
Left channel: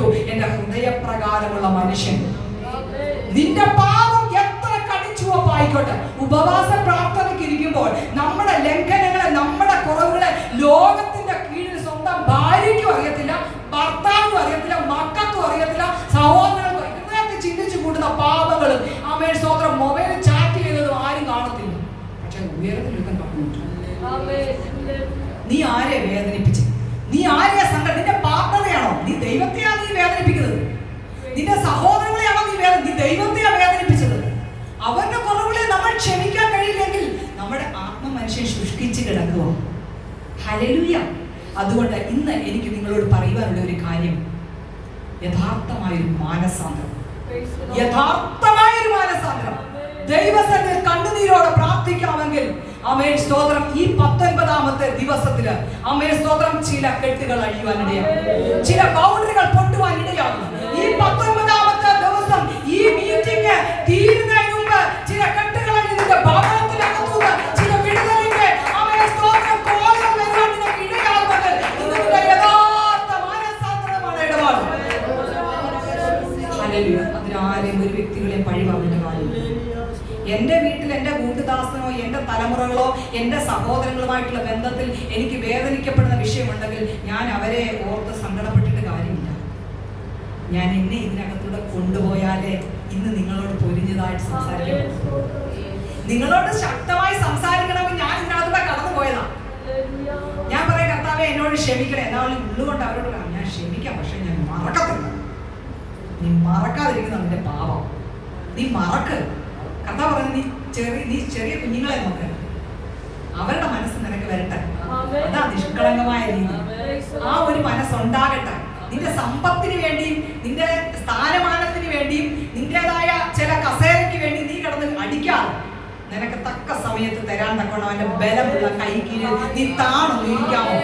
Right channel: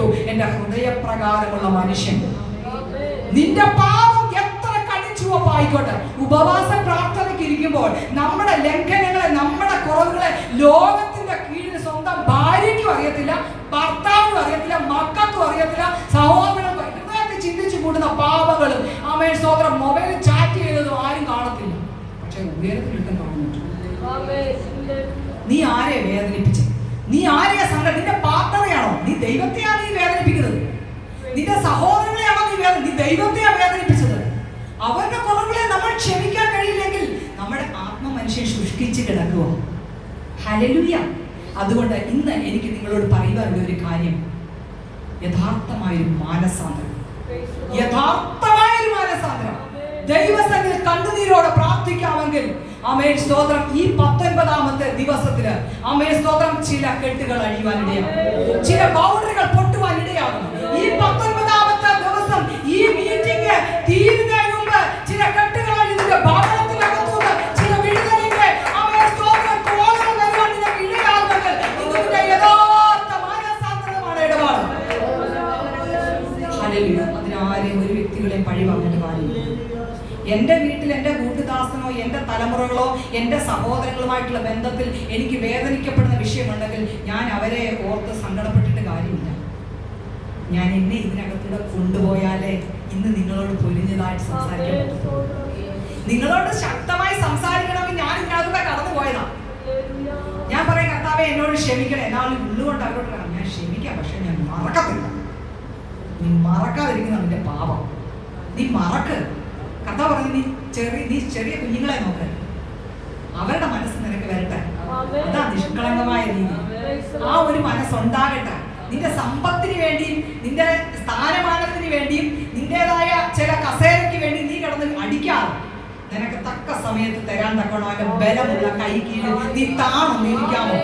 ചെയ്യുമ്പോൾ നമ്മുടെ ലംഘനങ്ങളെ, നമ്മുടെ കുറവുകളെ ലോകത്തിന്റെ കീഴിൽ സ്വന്തം ഭാര്യയ്ക്കും അറിയത്തില്ല, ഭർത്താവിനും അറിയത്തില്ല, മക്കൾക്കും അറിയത്തില്ല, സഹോദരങ്ങൾക്കും ഇതിനകത്ത് ചിന്തിച്ചു കൂടുന്ന പാപങ്ങളും ആമേൻ സ്തോത്രം മൊബൈലിൽ ചാറ്റ് ചെയ്തതും ആരും കാണത്തില്ല. പക്ഷെ ഉയരത്തിലൊരുത്തൻ കാണുന്നുണ്ട്. നീ ആരെ വേദനിപ്പിച്ചത്? നീ ആരെയാ സങ്കടം? നിന്റെ പാർട്ട്ണറെയാണോ? നീ ദൈവത്തെയാണ് നീ വേദനിപ്പിക്കുന്നത്. നിന്റെ സഹോദരങ്ങളെയാണോ നീ ദൈവത്തെയാ വേദനിപ്പിച്ചത്? അവരുടെ കുറവുകളെ നമ്മൾ ക്ഷമിക്കാൻ കഴിയില്ലെങ്കിൽ നമ്മുടെ ആത്മ മനുഷ്യൻ ശുഷ്കിച്ച് കിടക്കുക. ഹല്ലേലൂയ. അതുകൊണ്ട് ഇന്ന് എനിക്ക് നിങ്ങളോട് പറയുവാനുള്ള ഒരു കാര്യം, യഥാർത്ഥമായൊരു മാനസാന്തരം, യഥാർത്ഥമായൊരു മാനസാന്തരം. ദൈവസന്നിധിയിൽ കണ്ണുനീരോടെ പ്രാർത്ഥിക്കാമെങ്കിൽ ആമേൻ സ്തോത്രം ഈ 19ാമത്തെ ദിവസത്തില് ആമേൻ സ്തോത്രം ചില കെട്ടുകൾ അഴിയുവാനിടയാകും, ചില ബൗണ്ടറികൾ പൊട്ടുവാനിടയാകും. ഈ 19ാമത്തെ ദിവസം ഈ മീറ്റിംഗ് തീരുന്നതിന് മുമ്പ് ചില കെട്ടുകൾ അഴിഞ്ഞിട്ട് ഭവനത്തിനകത്തുനിന്ന് ചില വിടുതലിന്റെ ആമേൻ സ്തോത്രം തോന്നുകൾ വരാൻ നിങ്ങൾക്ക് ഇടയാകുന്നത് ഇതിന്റെ യഥാർത്ഥ മാനസാന്തരമാണ് ഇടപാട്. ഹല്ലേലൂയ. അതിനാരെയും ഒരു വ്യക്തികളെ പഴിവാങ്ങേണ്ട കാര്യമില്ല. എൻ്റെ വീട്ടിൽ എൻ്റെ കൂട്ടുദാസനോ എൻ്റെ തലമുറകളോ എൻ്റെ സഹോദരങ്ങളുമായിട്ടുള്ള ബന്ധത്തിൽ എനിക്ക് വേദനിക്കപ്പെടുന്ന വിഷയമുണ്ടെങ്കിൽ ഞാൻ അവരെ ഓർത്ത് സങ്കടപ്പെട്ടിട്ട് കാര്യമില്ല. ഞാൻ എന്നെ ഇതിനകത്തൂടെ കൊണ്ടുപോയാലേ ഇന്ന് നിങ്ങളോട് പൊരിഞ്ഞതായിട്ട് സംസാരിക്കാൻ പറ്റും. നിങ്ങളോട് ശക്തമായി സംസാരിക്കണമെങ്കിൽ ഞാൻ ഇതിനകത്തൂടെ കടന്നു പോയതാ. ഞാൻ പറയാം, കർത്താവേ എന്നോട് ക്ഷമിക്കണേ. എന്നാലും ഉള്ളുകൊണ്ട് അവരോട് ഞാൻ ക്ഷമിക്കാം, പക്ഷെ ഞാൻ മറക്കത്തില്ല. നീ മറക്കാതിരിക്കുന്ന നിന്റെ പാപം നീ മറക്ക്. കർത്താവ് പറയുന്നത് നീ ചെറിയ കുഞ്ഞുങ്ങളെ നോക്ക്, അവരുടെ മനസ്സ് നിനക്ക് വരട്ടെ. അതാ നിഷ്കളങ്കമായ രീതി. ആ ഒരു മനസ്സുണ്ടാകട്ടെ. നിന്റെ സമ്പത്തിന് വേണ്ടിയും നിന്റെ സ്ഥാനമാനത്തിന് വേണ്ടിയും നിന്റേതായ ചില കസേരയ്ക്ക് വേണ്ടി നീ കിടന്ന് അടിക്കാതെ നിനക്ക് തക്ക സമയത്ത് തരാൻ തക്കണം അവന്റെ ബലമുള്ള കൈ കീഴിൽ നീ താണൊന്നിരിക്കാമോ?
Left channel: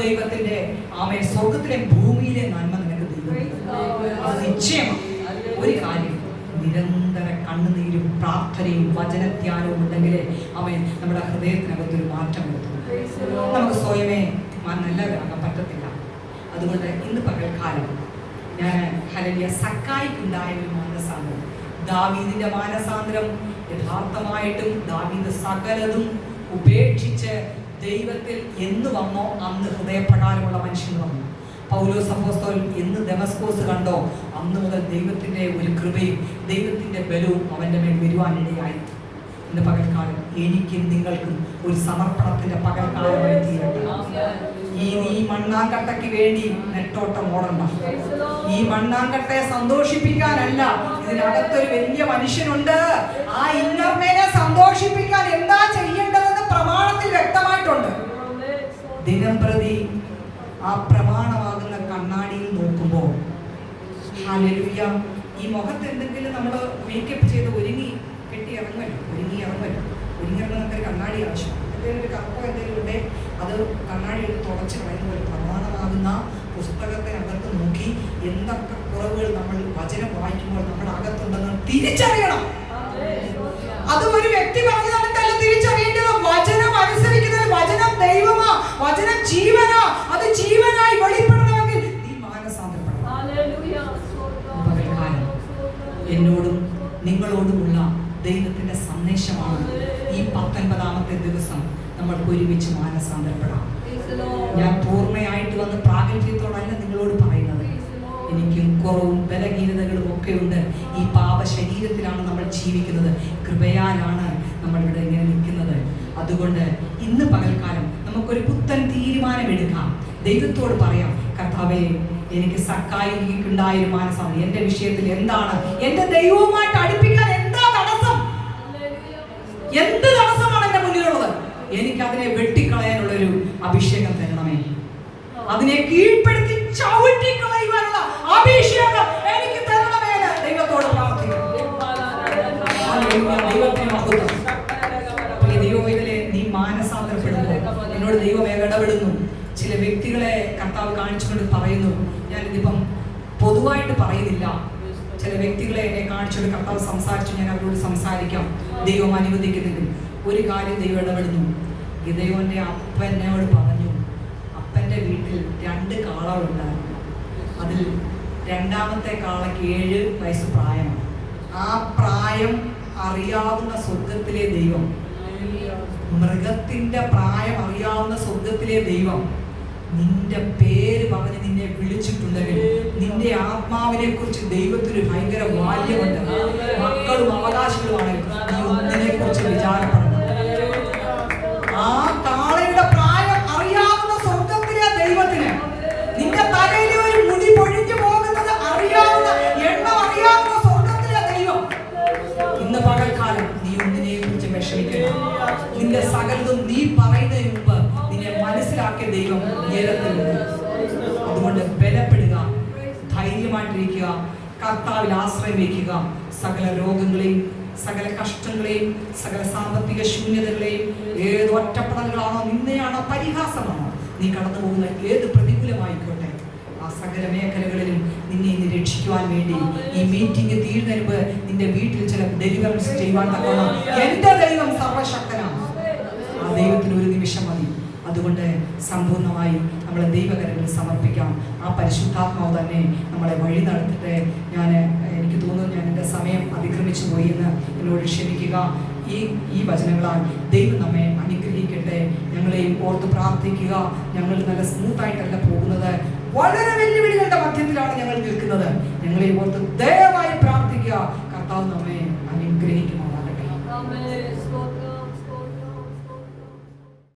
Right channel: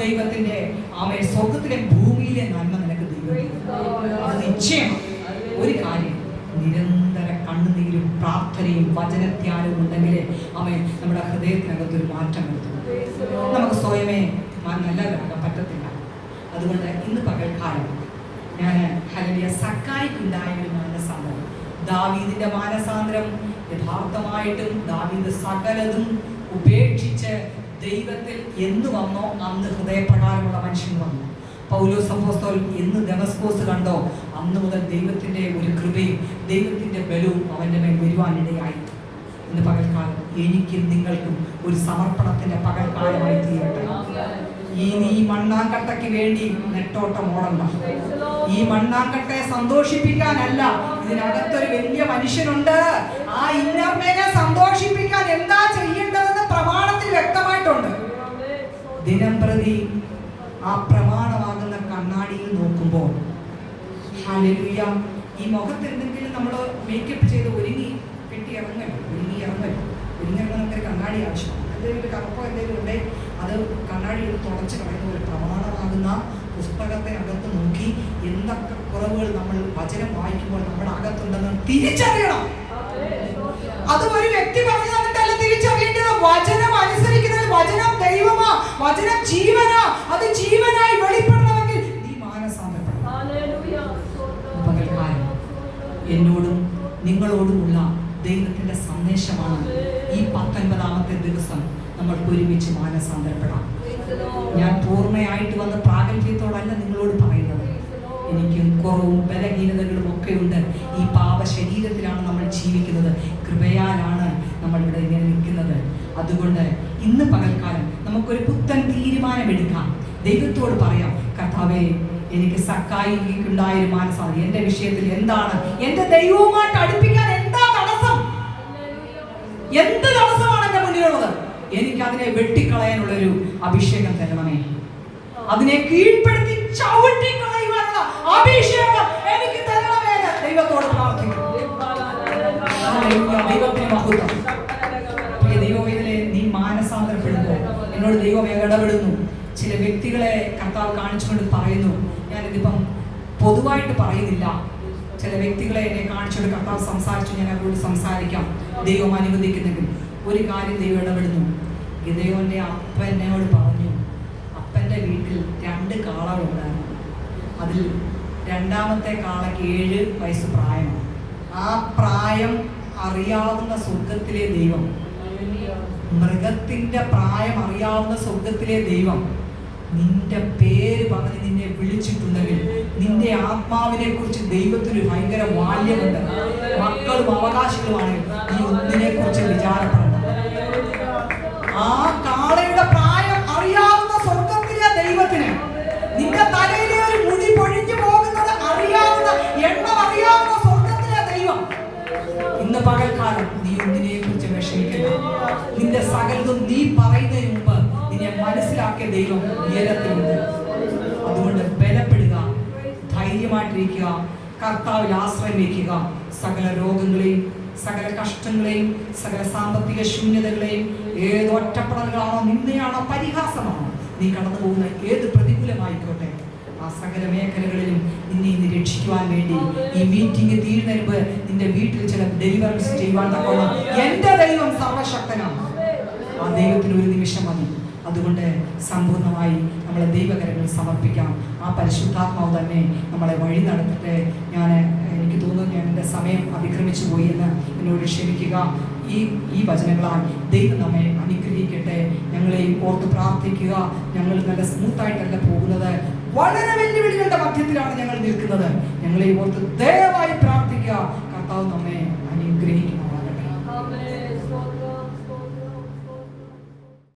ദൈവത്തിന്റെ ആമേ സ്വർഗത്തിലെ ഭൂമിയിലെ നന്മ നിനക്ക് ദൈവം അത് നിശ്ചയമാണ്. ഒരു കാര്യം, നിരന്തര കണ്ണുനീരും പ്രാർത്ഥനയും വചനത്യാഗവും ഉണ്ടെങ്കിൽ അവൻ നമ്മുടെ ഹൃദയത്തിനകത്തൊരു മാറ്റം വരുത്തും. നമുക്ക് സ്വയമേ നല്ലവരാകാൻ പറ്റത്തില്ല. അതുകൊണ്ട് ഇന്ന് പകൽക്കാലം ഞാൻ ഹല്ലേലൂയ സക്കായിക്കുണ്ടായ ഒരു മാനസാന്തരം, ദാവീദിന്റെ മാനസാന്തരം യഥാർത്ഥമായിട്ടും ദാവീദ് സകലതും ഉപേക്ഷിച്ച് ദൈവത്തിൽ എന്ന് വന്നോ അന്ന് ഹൃദയപ്രകാരമുള്ള മനുഷ്യൻ വന്നു. പൗലോസ് അപ്പോസ്തലൻ എന്ന് ദമസ്കോസ് കണ്ടോ അന്ന് മുതൽ ദൈവത്തിന്റെ ഒരു കൃപയും ദൈവത്തിന്റെ ബലവും അവന്റെ മേൽ വരുവാനിടയായി. ഇന്ന് പകൽക്കാലം എനിക്കും നിങ്ങൾക്കും ഒരു സമർപ്പണത്തിന്റെ പകൽക്കാലമായി തീരട്ടെ. ഈ മണ്ണാങ്കട്ടയ്ക്ക് വേണ്ടി നെട്ടോട്ടം ഓടണ്ട. ഈ മണ്ണാങ്കട്ടയെ സന്തോഷിപ്പിക്കാനല്ല, ഇതിനകത്തൊരു വലിയ മനുഷ്യനുണ്ട്. ആ ഇന്നർമേനെ സന്തോഷിപ്പിക്കാൻ എന്താ ചെയ്യേണ്ടതെന്ന് പ്രമാണത്തിൽ വ്യക്തമായിട്ടുണ്ട്. ദിനം പ്രതി ആ പ്രമാണമാകുന്ന കണ്ണാടിയിൽ നോക്കുമ്പോൾ ഹല്ലേലൂയ, ഈ മുഖത്ത് എന്തെങ്കിലും നമ്മൾ മേക്കപ്പ് ചെയ്ത് ഒരുങ്ങി ഇറങ്ങുന്ന കണ്ണാടി ആവശ്യമാണ്. എന്തെങ്കിലും ഒരു കപ്പോ എന്തെങ്കിലും ഉണ്ടെ അത് കണ്ണാടി എടുത്ത് തുറച്ച് കളയുന്ന ഒരു പ്രമാണമാകുന്ന പുസ്തകത്തിനകത്ത് നോക്കി എന്തൊക്കെ കുറവുകൾ നമ്മൾ വചനം വായിക്കുമ്പോൾ നമ്മുടെ അകത്തുണ്ടെന്ന് തിരിച്ചറിയണം. അത് ഒരു വ്യക്തി പറഞ്ഞതല്ല തിരിച്ചറിയേണ്ടത്. വചനം അനുസരിക്കുന്നത്, വചനം ദൈവമാ, വചനം ജീവനാ. അത് ജീവനായി വെളിപ്പെടണമെങ്കിൽ നീ മാനസാന്തരപ്പെടണം. എന്നോടും നിങ്ങളോടുമുള്ള ദൈവത്തിന്റെ സന്ദേശമാണ് ഈ 19ാമത്തെ ദിവസം നമ്മൾക്ക് ഒരുമിച്ച് മാനസാന്തരപ്പെടാം. ഞാൻ പൂർണ്ണയായിട്ട് വന്ന് പ്രാഗൽഭ്യത്തോടല്ല നിങ്ങളോട് പറയുന്നത്. എനിക്കും കുറവും ബലഹീനതകളും ഒക്കെ ഉണ്ട്. ഈ പാപ ശരീരത്തിലാണ് നമ്മൾ ജീവിക്കുന്നത്. കൃപയാലാണ് നമ്മളിവിടെ ഇങ്ങനെ നിൽക്കുന്നത്. അതുകൊണ്ട് ഇന്ന് പകൽക്കാലം നമുക്കൊരു പുത്തൻ തീരുമാനമെടുക്കാം. ദൈവത്തോട് പറയാം, കർത്താവേ എനിക്ക് സക്കായിക്കുണ്ടായ ഒരു മാനസാന്തരം എന്റെ വിഷയത്തിൽ എന്താണ്, എന്റെ ദൈവവുമായിട്ട് അടുപ്പിക്കാൻ എന്താ തടസ്സം, എന്ത് തടസ്സമാണ് എന്റെ മുന്നിലുള്ളത്? എനിക്ക് അതിനെ വെട്ടിക്കളയാനുള്ളൊരു അഭിഷേകം തരണമേ. അതിനെ കീഴ്പ്പെടുത്തി ചവിട്ടിക്കളയുവാനുള്ള അഭിഷേകം എനിക്ക് തരണമേ. ദൈവത്തോട് പ്രാർത്ഥിക്കും. ദൈവത്തിന് മഹത്വം. ദൈവവേദനെ നീ മാനസാന്തരപ്പെടുന്നു. എന്നോട് ദൈവം ഇടപെടുന്നു. ചില വ്യക്തികളെ കർത്താവ് കാണിച്ചുകൊണ്ട് പറയുന്നു. ഞാനിതിപ്പം പൊതുവായിട്ട് പറയുന്നില്ല. ചില വ്യക്തികളെ എന്നെ കാണിച്ചുകൊണ്ട് കർത്താവ് സംസാരിച്ചു. ഞാൻ അവരോട് സംസാരിക്കാം, ദൈവം അനുവദിക്കുന്നെങ്കിൽ. ഒരു കാര്യം ദൈവം ഇടപെടുന്നു. ഗിദെയോന്റെ അപ്പൻ എന്നോട് പറഞ്ഞു, അപ്പൻ്റെ വീട്ടിൽ 2 കാളകളുണ്ടായിരുന്നു. അതിൽ രണ്ടാമത്തെ കാളയ്ക്ക് 7 വയസ്സ് പ്രായം. ആ പ്രായം അറിയാവുന്ന സ്വർഗത്തിലെ ദൈവം മൃഗത്തിന്റെ പ്രായം അറിയാവുന്ന സ്വർഗത്തിലെ ദൈവം നിന്റെ പേര് പറഞ്ഞ് നിന്നെ വിളിച്ചിട്ടുണ്ടെങ്കിൽ നിന്റെ ആത്മാവിനെ കുറിച്ച് ദൈവത്തിന് ഭയങ്കര ബാല്യമുണ്ട്. മക്കളും അവകാശികളുമാണ്. നീ ഒന്നിനെ കുറിച്ച് വിചാരപ്പെടണം. ആ കാളയുടെ പ്രായം അറിയാവുന്ന സ്വർഗത്തിലെ ദൈവത്തിന് നിന്റെ തലയിലെ ഒരു മുടി പൊഴിഞ്ഞു പോകുന്നത് അറിയാവുന്ന, എണ്ണം അറിയാവുന്ന സ്വർഗത്തിലെ ദൈവം ഇന്ന് പകൽക്കാലം നീ ഒന്നിനെ കുറിച്ച് വിഷമിക്കണം. നിന്റെ സകലതും നീ പറയുന്നതിന് മുമ്പ് നിന്നെ മനസ്സിലാക്കിയ ദൈവം ഉയരത്തിലുണ്ട്. അതുകൊണ്ട് ബലപ്പെടുക, ധൈര്യമായിട്ടിരിക്കുക, കർത്താവിൽ ആശ്രയം വയ്ക്കുക. സകല രോഗങ്ങളെയും, സകല കഷ്ടങ്ങളെയും, സകല സാമ്പത്തിക ശൂന്യതകളെയും, ഏത് ഒറ്റപ്പെടലുകളാണോ, നിന്ദയാണോ, പരിഹാസമാണോ നീ കടന്നു പോകുന്ന ഏത് പ്രതികൂലമായിക്കോട്ടെ, ആ സകല മേഖലകളിലും നിന്നെ രക്ഷിക്കുവാൻ വേണ്ടി ഈ മീറ്റിംഗ് തീരുന്നതിന് മുമ്പ് നിന്റെ വീട്ടിൽ ചില ഡെലിവറൻസ് ചെയ്യുവാൻ തക്കോണം എന്റെ ദൈവം സർവശക്തനാണ്. ആ ദൈവത്തിന് ഒരു നിമിഷം മതി. അതുകൊണ്ട് സമ്പൂർണ്ണമായി നമ്മളെ ദൈവകരങ്ങളിൽ സമർപ്പിക്കാം. ആ പരിശുദ്ധാത്മാവ് തന്നെ നമ്മളെ വഴി നടത്തിട്ട് എനിക്ക് തോന്നുന്നു ഞാൻ എൻ്റെ സമയം അതിക്രമിച്ചു പോയി എന്ന് എന്നോട് ക്ഷമിക്കുക. ഈ വചനങ്ങളാൽ ദൈവം നമ്മെ അനുഗ്രഹിക്കട്ടെ. ഞങ്ങളെയും ഓർത്ത് പ്രാർത്ഥിക്കുക. ഞങ്ങൾ നല്ല സ്മൂത്തായിട്ടല്ല പോകുന്നത്, വളരെ വെല്ലുവിളികളുടെ മധ്യത്തിലാണ് ഞങ്ങൾ നിൽക്കുന്നത്. ഞങ്ങളെ ഓർത്ത് ദയവായി